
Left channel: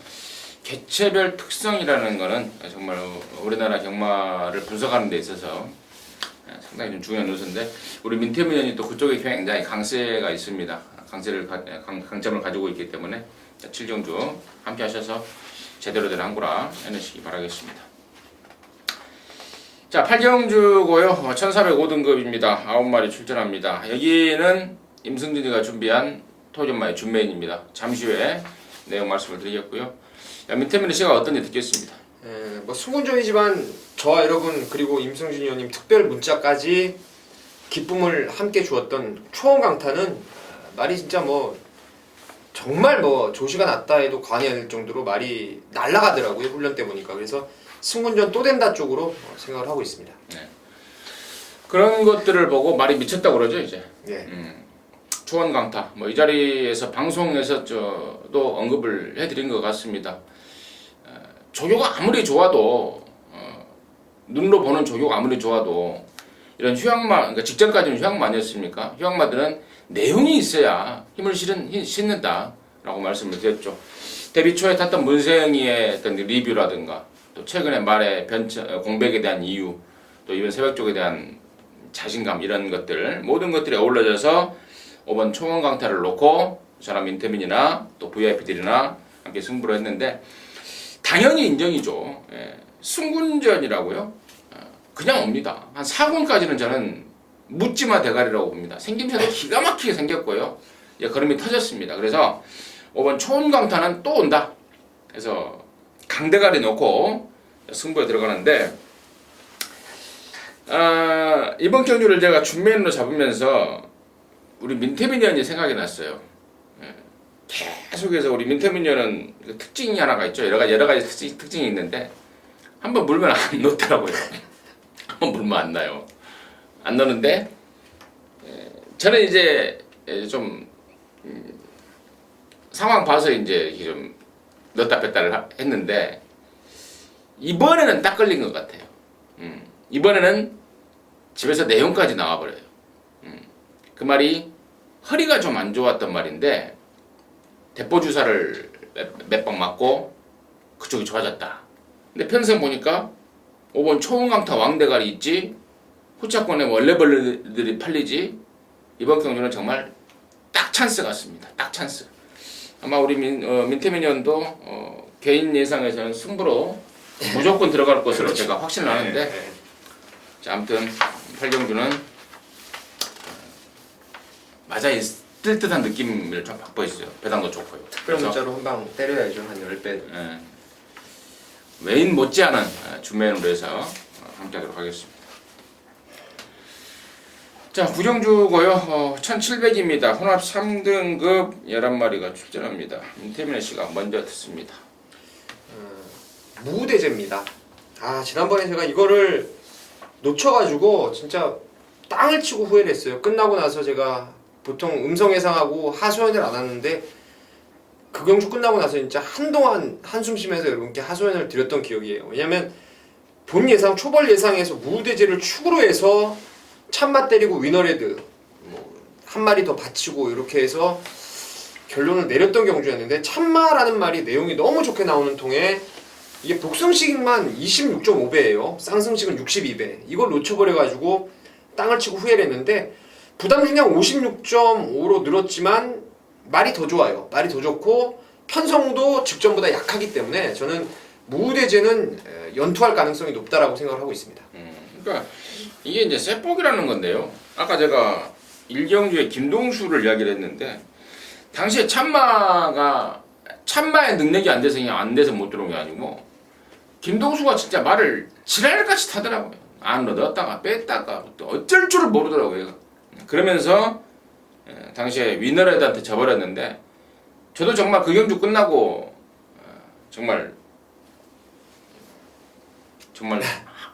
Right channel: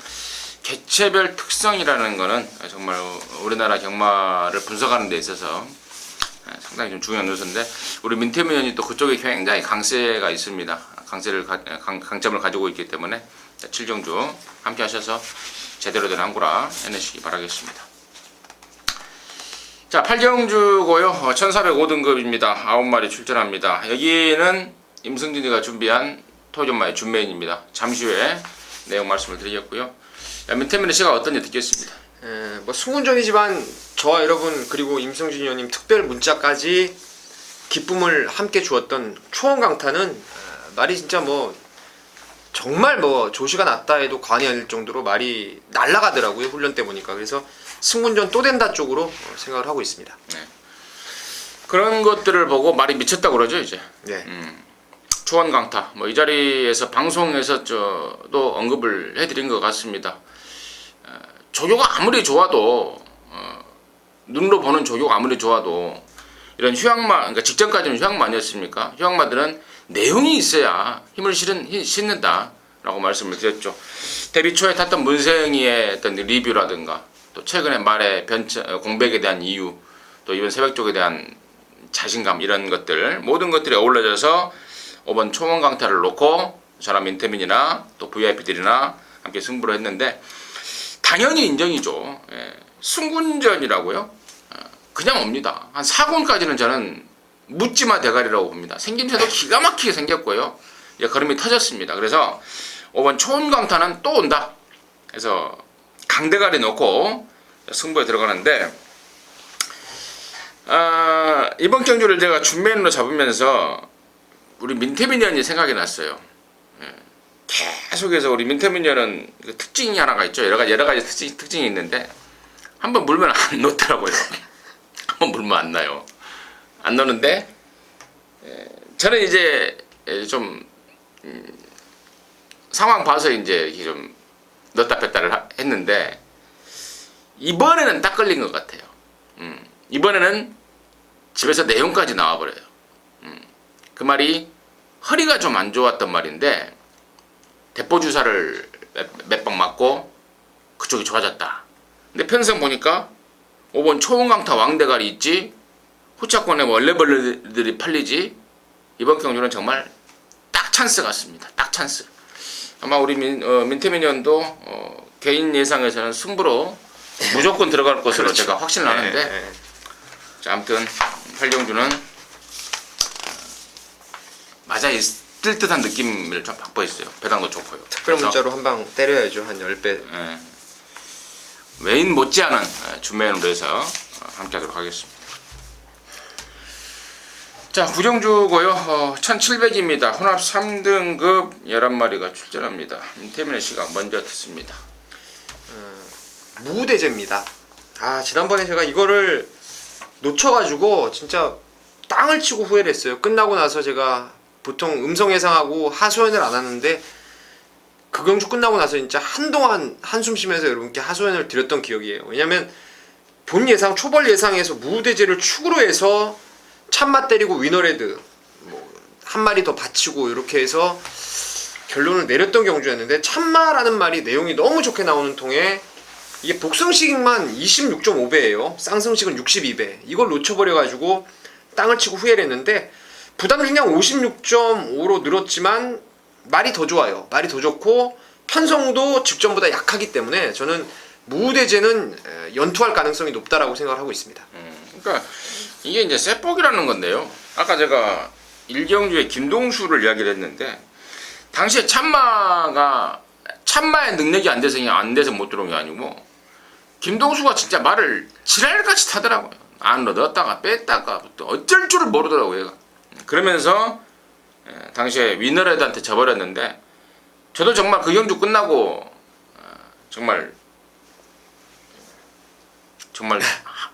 개체별 특성이라는 거는 정말 우리나라 경마를 분석하는 데 있어서 상당히 좀 중요한 요소인데 우리 민태민 의원이 또 그쪽에 굉장히 강세가 있습니다. 강점을 가지고 있기 때문에 7경주 함께 하셔서 제대로 된 항구라 해내시기 바라겠습니다. 자, 8경주고요. 1405등급입니다. 9마리 출전합니다. 여기는 임승진이가 준비한 표준마의 준메인입니다. 잠시 후에 내용 말씀을 드리겠고요. 민태민의 시각 어떤지 듣겠습니다. 뭐 승군전이지만 저와 여러분 그리고 임성진 의원님 특별 문자까지 기쁨을 함께 주었던 초원강타는 말이 진짜 뭐 정말 뭐 조시가 났다 해도 과언이 아닐 정도로 말이 날아가더라고요. 훈련 때 보니까. 그래서 승군전 또 된다 쪽으로 생각을 하고 있습니다. 그런 것들을 보고 말이 미쳤다고 그러죠 이제. 네. 초원 강타 뭐 이 자리에서 방송에서 저도 언급을 해드린 것 같습니다. 조교가 아무리 좋아도 눈으로 보는 조교가 아무리 좋아도 이런 휴양마 그러니까 직전까지는 휴양마 아니었습니까? 휴양마들은 내용이 있어야 힘을 싣는다라고 말씀을 드렸죠. 데뷔 초에 탔던 문세영이의 어떤 리뷰라든가 또 최근에 말의 공백에 대한 이유 또 이번 새벽 쪽에 대한 자신감 이런 것들 모든 것들이 어우러져서 이번 초원 강타를 놓고 저랑 민태민이나 또 VIP들이나 함께 승부를 했는데 당연히 인정이죠. 승군전이라고요? 그냥 옵니다. 한 4군까지는 저는 묻지마 대가리라고 봅니다. 생김새도 기가 막히게 생겼고요. 걸음이 터졌습니다. 그래서 이번 초원 강타는 또 온다. 그래서 강대가리 놓고 승부에 들어가는데 이번 경주를 제가 준메인으로 잡으면서 우리 민태민 의원이 생각이 났어요. 계속해서 우리 민태민 의원은 특징이 하나가 있죠. 여러 가지 특징이 있는데 한번 물면 안 놓더라고요. 한번 물면 안 나요. 안 놓는데 저는 이제 좀 상황 봐서 이제 좀 넣었다 뺐다를 했는데 이번에는 딱 걸린 것 같아요. 이번에는 집에서 내용까지 나와버려요. 그 말이 허리가 좀 안 좋았던 말인데 대포 주사를 몇 방 맞고 그쪽이 좋아졌다. 근데 편성 보니까 5번 초원강타 왕대가리 있지 후차권에 원래벌레들이 팔리지 이번 경주는 정말 딱 찬스 같습니다. 딱 찬스. 아마 우리 민태민 의원도 개인 예상에서는 승부로 무조건 들어갈 것으로 그렇죠. 제가 확신을 하는데 자, 아무튼 팔경주는 맞아 뜰 듯한 느낌을 좀 받고 있어요. 배당도 좋고요. 특별 문자로 한 방 때려야죠. 한 10배. 외인 못지않은 준메인으로 해서 함께하도록 하겠습니다. 자, 구정주고요. 1700입니다. 혼합 3등급 11마리가 출전합니다. 민태민의 시각 먼저 듣습니다. 무대제입니다. 지난번에 제가 이거를 놓쳐가지고 진짜 땅을 치고 후회를 했어요. 끝나고 나서 제가 보통 음성 예상하고 하소연을 안 하는데 그 경주 끝나고 나서 진짜 한동안 한숨 쉬면서 여러분께 하소연을 드렸던 기억이에요. 왜냐면 본 예상, 초벌 예상에서 무대제를 축으로 해서 참맛 때리고 위너레드 한 마리 더 받치고 이렇게 해서 결론을 내렸던 경주였는데 참마라는 말이 내용이 너무 좋게 나오는 통에 이게 복승식만 26.5배예요. 쌍승식은 62배. 이걸 놓쳐버려가지고 땅을 치고 후회를 했는데 부담중량 56.5로 늘었지만 말이 더 좋아요. 말이 더 좋고 편성도 직전보다 약하기 때문에 저는 무대제는 연투할 가능성이 높다라고 생각을 하고 있습니다. 그러니까 이게 이제 쇠폭이라는 건데요. 아까 제가 일경주의 김동수를 이야기를 했는데 당시에 참마의 능력이 안 돼서 못 들어온 게 아니고 김동수가 진짜 말을 지랄같이 타더라고요. 안으로 넣었다가 뺐다가 또 어쩔 줄을 모르더라고요. 그러면서 당시에 위너레드한테 져버렸는데 저도 정말 그 경주 끝나고 정말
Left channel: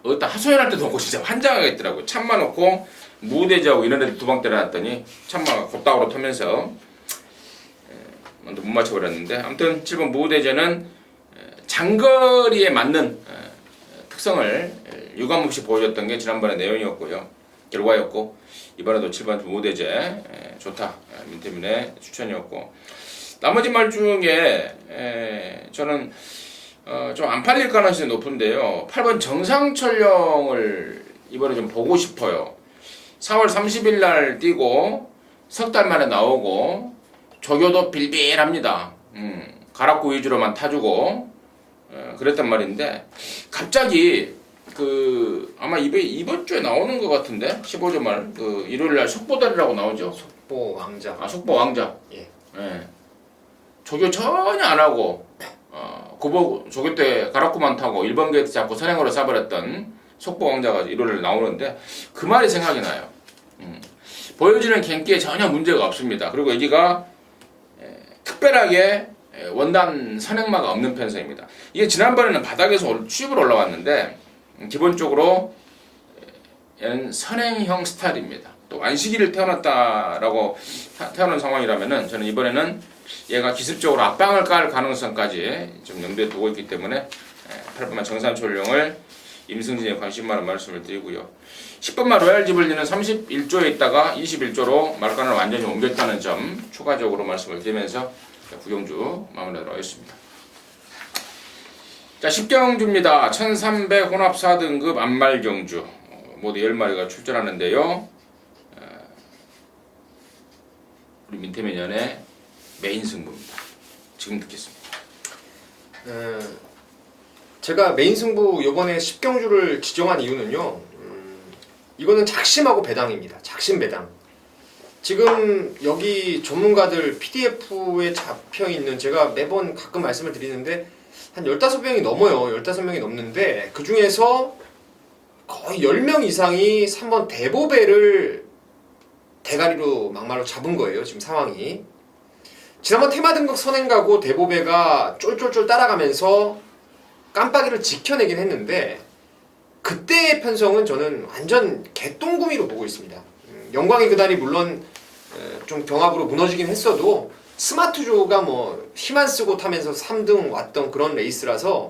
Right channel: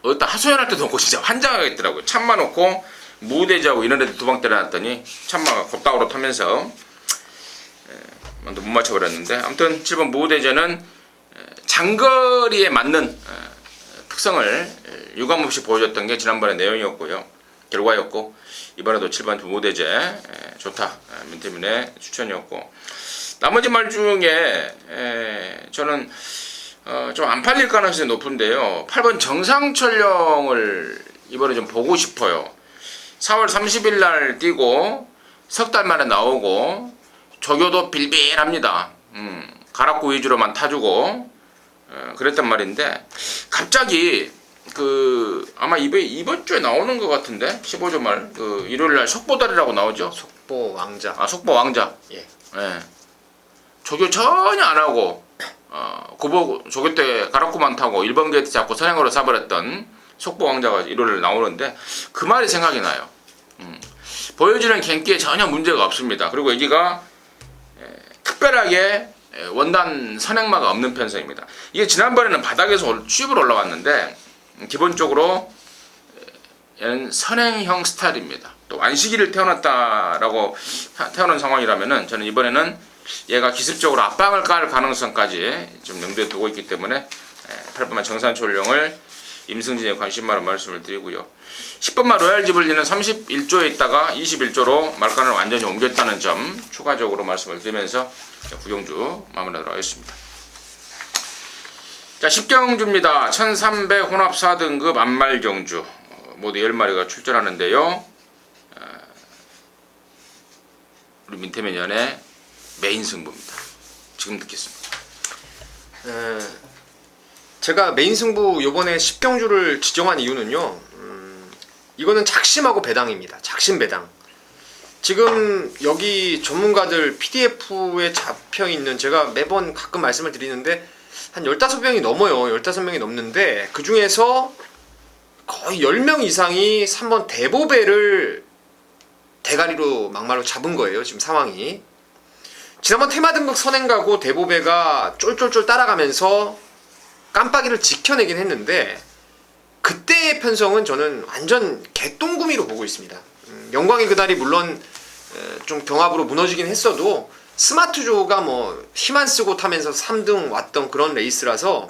어디다 하소연할 때도 없고 진짜 환장하겠더라고요. 참마 놓고 무대지하고 위너레드 두 방 때려놨더니 참마가 곧다우로 타면서 못 맞춰버렸는데 아무튼 7번 무대제는 장거리에 맞는 특성을 유감없이 보여줬던 게 지난번의 내용이었고요. 결과였고 이번에도 7번 무대제 좋다. 민태민의 추천이었고 나머지 말 중에 저는 좀 안 팔릴 가능성이 높은데요. 8번 정상철령을 이번에 좀 보고 싶어요. 4월 30일 날 뛰고 석 달 만에 나오고 조교도 빌빌합니다. 가락구 위주로만 타주고 그랬단 말인데 갑자기 아마 이번 주에 나오는 것 같은데 15조 말 일요일 날 속보달이라고 나오죠. 속보 왕자. 속보 왕자. 예. 예. 조교 전혀 안 하고 고보 조교 때 가락구만 타고 1번 게이트 잡고 선행으로 쏴버렸던 속보 왕자가 1호를 나오는데 그 말이 생각이 나요. 보여주는 경기에 전혀 문제가 없습니다. 그리고 여기가 특별하게 원단 선행마가 없는 편성입니다. 이게 지난번에는 바닥에서 쭉 올라왔는데 기본적으로 얘는 선행형 스타일입니다. 또 안식일을 태어났다라고 태어난 상황이라면은 저는 이번에는 얘가 기습적으로 압박을 깔 가능성까지 좀 염두에 두고 있기 때문에 8번만 정산초령을 임승진에 관심 많은 말씀을 드리고요. 10번만 로얄 지블리는 31조에 있다가 21조로 말간을 완전히 옮겼다는 점 추가적으로 말씀을 드리면서 구경주 마무리하도록 하겠습니다. 자, 10경주입니다. 1300 혼합 4등급 안말경주 모두 10마리가 출전하는데요. 우리 민태면연의 메인 승부입니다. 지금 듣겠습니다. 제가 메인 승부 요번에 10경주를 지정한 이유는요. 이거는 작심하고 배당입니다. 작심 배당. 지금 여기 전문가들 PDF에 잡혀있는, 제가 매번 가끔 말씀을 드리는데 한 15명이 넘어요. 15명이 넘는데 그 중에서 거의 10명 이상이 3번 대보배를 대가리로 막말로 잡은 거예요. 지금 상황이. 지난번 테마 등급 선행가고 대보배가 쫄쫄쫄 따라가면서 깜빡이를 지켜내긴 했는데 그때의 편성은 저는 완전 개똥구미로 보고 있습니다. 영광의 그날이 물론 좀 경합으로 무너지긴 했어도 스마트조가 뭐 힘 안 쓰고 타면서 3등 왔던 그런 레이스라서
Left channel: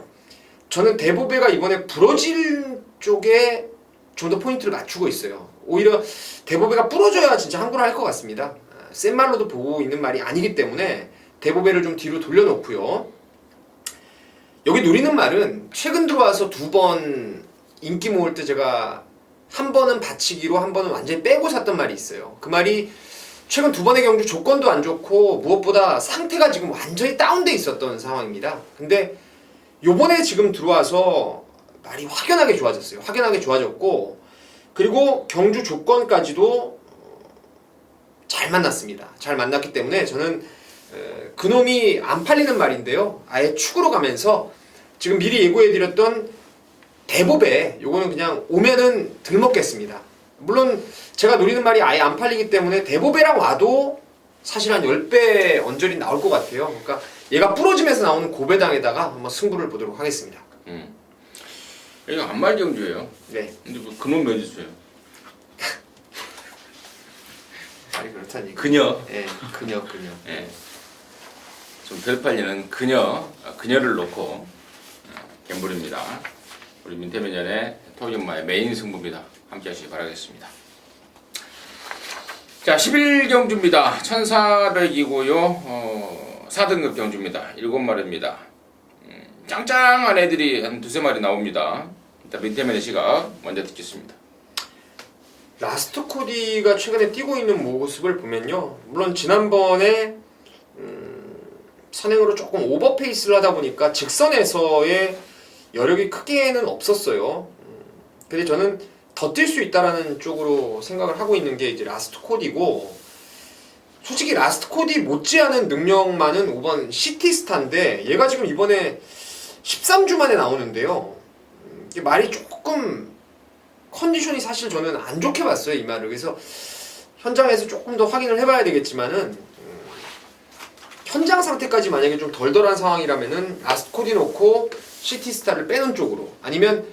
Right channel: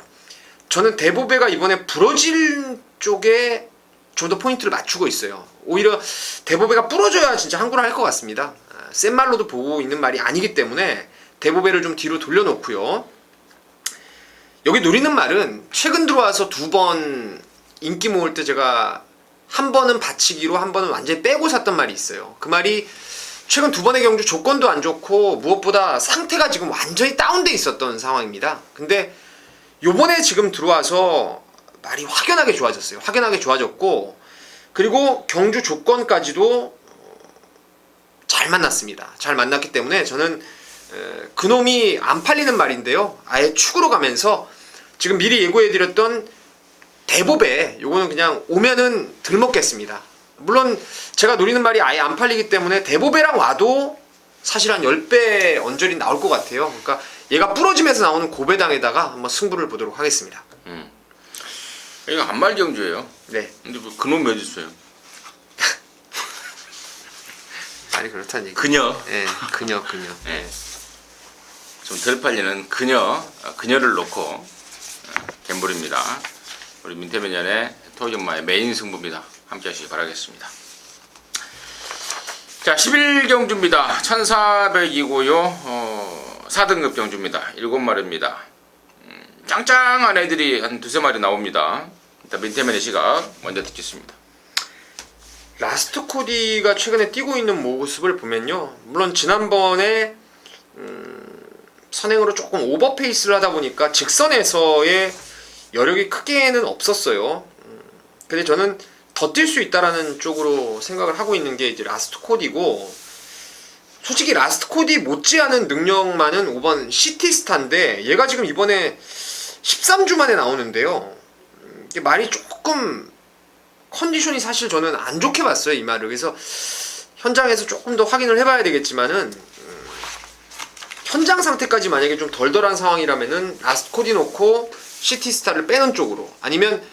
저는 대보배가 이번에 부러질 쪽에 좀 더 포인트를 맞추고 있어요. 오히려 대보배가 부러져야 진짜 항구를 할 것 같습니다. 센 말로도 보고 있는 말이 아니기 때문에 대보배를 좀 뒤로 돌려놓고요. 여기 노리는 말은 최근 들어와서 2번 인기 모을 때 제가 한 번은 받치기로 한 번은 완전히 빼고 샀던 말이 있어요. 그 말이 최근 2번의 경주 조건도 안 좋고 무엇보다 상태가 지금 완전히 다운돼 있었던 상황입니다. 근데 요번에 지금 들어와서 말이 확연하게 좋아졌어요. 확연하게 좋아졌고 그리고 경주 조건까지도 잘 만났습니다. 잘 만났기 때문에 저는 그놈이 안 팔리는 말인데요. 아예 축으로 가면서 지금 미리 예고해드렸던 대보배 요거는 그냥 오면은 들먹겠습니다. 물론 제가 노리는 말이 아예 안 팔리기 때문에 대보배랑 와도 사실 한 10배 언저리 나올 것 같아요. 그러니까 얘가 부러지면서 나오는 고배당에다가 한번 승부를 보도록 하겠습니다. 이거 안말경주예요. 네. 근데 뭐 그놈 몇 있어요? 말이 그렇다는 얘기. 그녀. 네, 그녀. 네. 좀 덜 팔리는 그녀를 놓고 갬블입니다. 우리 민태면연의 토이엄마의 메인 승부입니다. 함께 하시기 바라겠습니다. 자, 11경주입니다. 1400이고요. 4등급 경주입니다. 7마리입니다. 짱짱한 애들이 한 2-3마리 나옵니다. 일단 민태면의 시각 먼저 듣겠습니다. 라스트 코디가 최근에 뛰고 있는 모습을 보면요. 물론 지난번에 선행으로 조금 오버페이스를 하다 보니까 직선에서의 여력이 크게는 없었어요. 근데 저는 더 뛸 수 있다라는 쪽으로 생각을 하고 있는 게 이제 라스트 코디고, 솔직히 라스트 코디 못지않은 능력만은 5번 시티스타인데 얘가 지금 이번에 13주 만에 나오는데요. 이게 말이 조금 컨디션이 사실 저는 안 좋게 봤어요, 이 말을. 그래서 현장에서 조금 더 확인을 해봐야 되겠지만은 현장 상태까지 만약에 좀 덜덜한 상황이라면은 라스트 코디 놓고 시티스타를 빼는 쪽으로, 아니면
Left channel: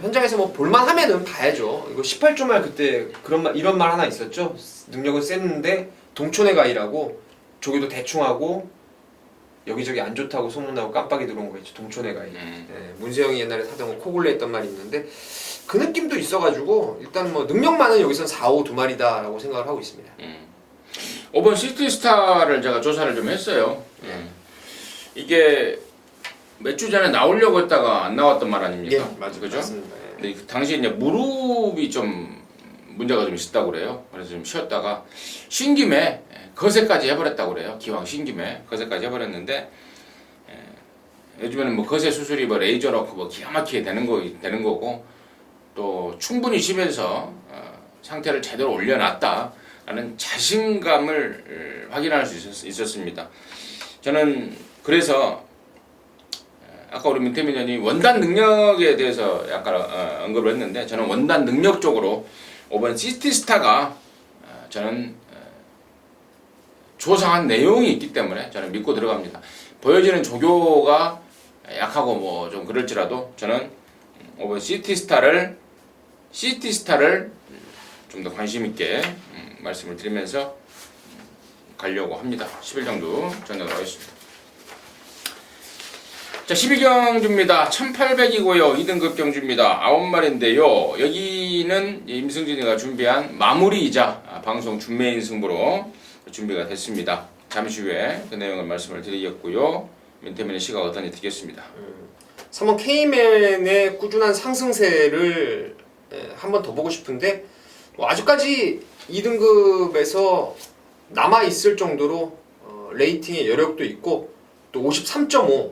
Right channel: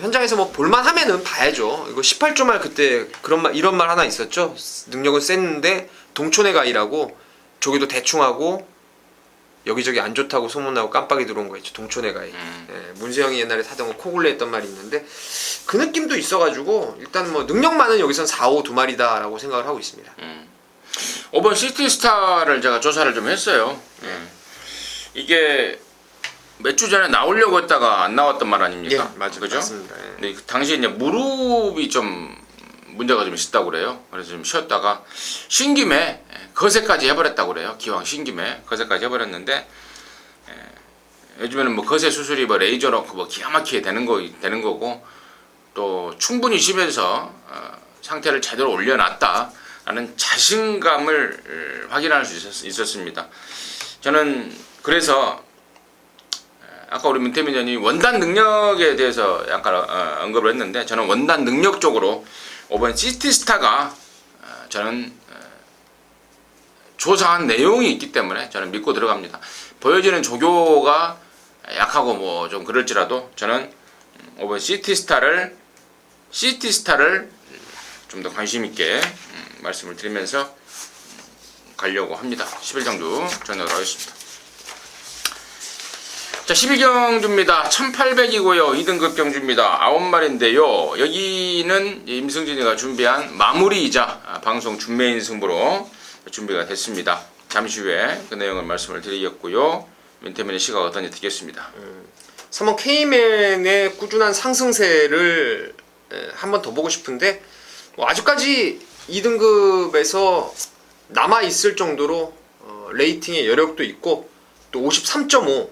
현장에서 뭐 볼만하면은 봐야죠. 이거 18조 말 그때 이런 말 하나 있었죠. 능력은 셌는데 동촌의 가이라고 조기도 대충 하고 여기저기 안 좋다고 소문나고 깜빡이 들어온 거 있죠. 동촌의 가이. 문세영이 옛날에 타던 거 코골레 했던 말이 있는데 그 느낌도 있어가지고 일단 뭐 능력만은 여기선 4, 5 두 마리다라고 생각을 하고 있습니다. 5번 시티스타를 제가 조사를 좀 했어요. 이게 몇 주 전에 나오려고 했다가 안 나왔던 말 아닙니까? 맞아요. 그죠? 맞습니다. 근데 그 당시에 이제 무릎이 좀 문제가 좀 있었다고 그래요. 그래서 좀 쉬었다가 쉰 김에 거세까지 해버렸다고 그래요. 기왕 쉰 김에 거세까지 해버렸는데, 요즘에는 뭐 거세 수술이 뭐 레이저 넣고 뭐 기가 막히게 되는 거고, 또 충분히 쉬면서 상태를 제대로 올려놨다라는 자신감을 확인할 수 있었습니다. 저는 그래서 아까 우리 문태민 의원이 원단 능력에 대해서 약간 언급을 했는데, 저는 원단 능력 적으로 이번 시티스타가 저는 조사한 내용이 있기 때문에 저는 믿고 들어갑니다. 보여지는 조교가 약하고 뭐 좀 그럴지라도 저는 이번 시티스타를 좀 더 관심 있게 말씀을 드리면서 가려고 합니다. 11경주 전역을 하겠습니다. 자, 12경주입니다. 1800이고요. 2등급 경주입니다. 9마리인데요. 여기는 임승진이가 준비한 마무리이자 방송 준메인 승부로 준비가 됐습니다. 잠시 후에 그 내용을 말씀을 드리겠고요. 민태민의 시각 어떤지 듣겠습니다. 3번 K맨의 꾸준한 상승세를 한 번 더 보고 싶은데, 아직까지 2등급에서 남아있을 정도로 레이팅의 여력도 있고, 또 53.5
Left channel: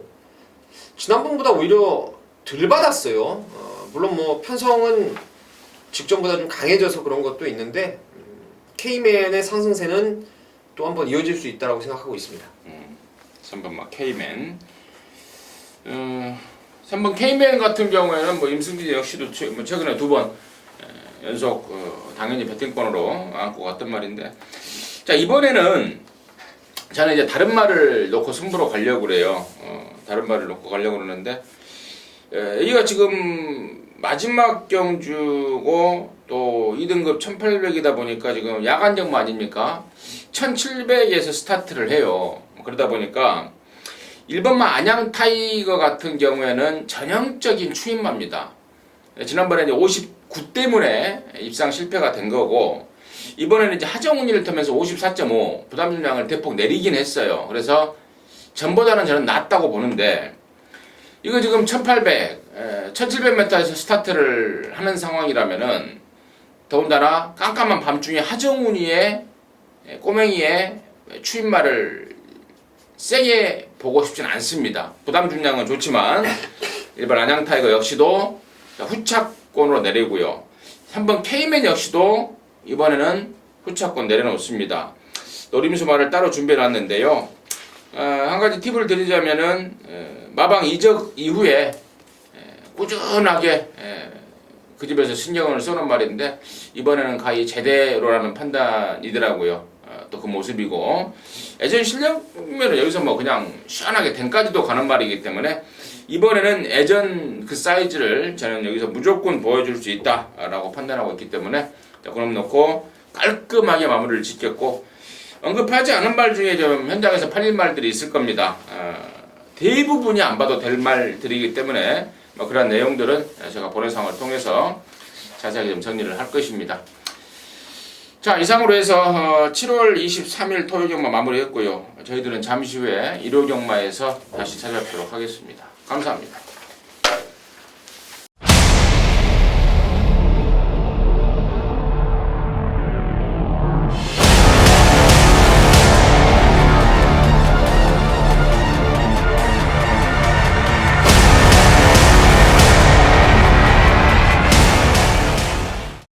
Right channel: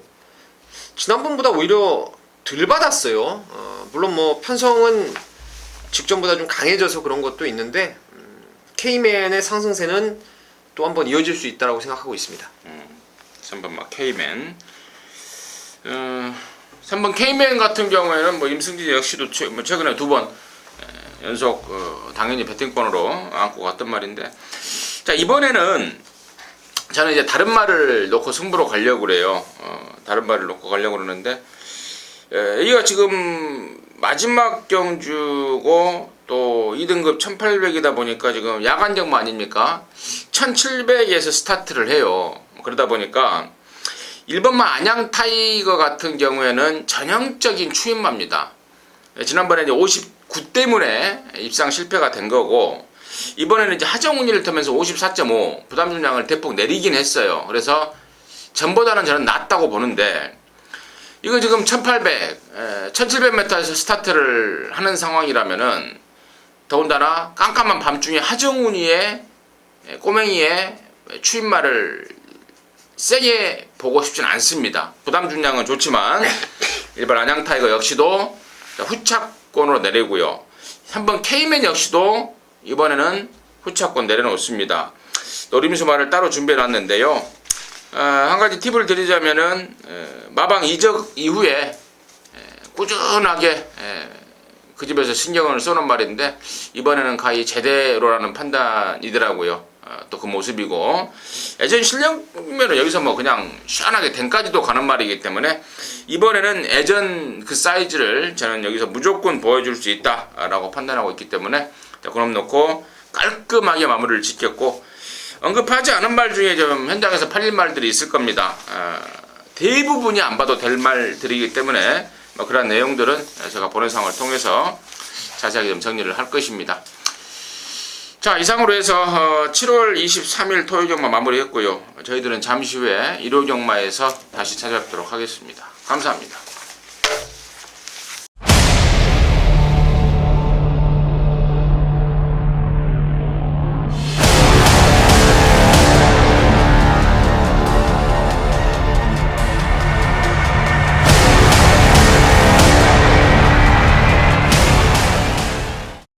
지난번보다 오히려 덜 받았어요. 물론 뭐 편성은 직전보다 좀 강해져서 그런 것도 있는데, K맨의 상승세는 또 한번 이어질 수 있다고 생각하고 있습니다. 3번 K맨. 3번 K맨 같은 경우에는 뭐 임승진 역시도 최근에 2번 연속 당연히 배팅권으로 안고 갔던 말인데, 자, 이번에는 저는 이제 다른 말을 놓고 승부로 가려고 그래요. 다른 말을 놓고 가려고 그러는데, 여기가 지금 마지막 경주고 또 2등급 1800이다 보니까 지금 야간 경마 아닙니까? 1700에서 스타트를 해요. 그러다 보니까 1번마 안양 타이거 같은 경우에는 전형적인 추임마입니다. 지난번에 이제 59 때문에 입상 실패가 된 거고, 이번에는 이제 하정운이를 타면서 54.5 부담 중량을 대폭 내리긴 했어요. 그래서 전보다는 저는 낫다고 보는데, 이거 지금 1800, 1700m에서 스타트를 하는 상황이라면은, 더군다나 깜깜한 밤중에 하정운이의 꼬맹이의 추임마를 세게 보고 싶진 않습니다. 부담 중량은 좋지만 일반 안양 타이거 역시도 후차권으로 내리고요. 3번 K맨 역시도 이번에는 후차권 내려놓습니다. 노림수 말을 따로 준비해 놨는데요. 한 가지 팁을 드리자면은 마방 이적 이후에 꾸준하게 그 집에서 신경을 쏘는 말인데, 이번에는 가히 제대로라는 판단이더라고요. 또 그 모습이고, 예전 실력면은 여기서 뭐 그냥 시원하게 댕까지도 가는 말이기 때문에 이번에는 예전 그 사이즈를 저는 여기서 무조건 보여줄 수 있다라고 판단하고 있기 때문에, 자, 그럼 놓고 깔끔하게 마무리를 짓겠고, 언급하지 않은 말 중에 좀 현장에서 팔릴 말들이 있을 겁니다. 대부분이 안 봐도 될 말들이기 때문에 뭐 그런 내용들은 제가 보내상을 통해서 자세하게 좀 정리를 할 것입니다. 자, 이상으로 해서 7월 23일 토요 경마 마무리했고요. 저희들은 잠시 후에 일요 경마에서 다시 찾아뵙도록 하겠습니다. 감사합니다.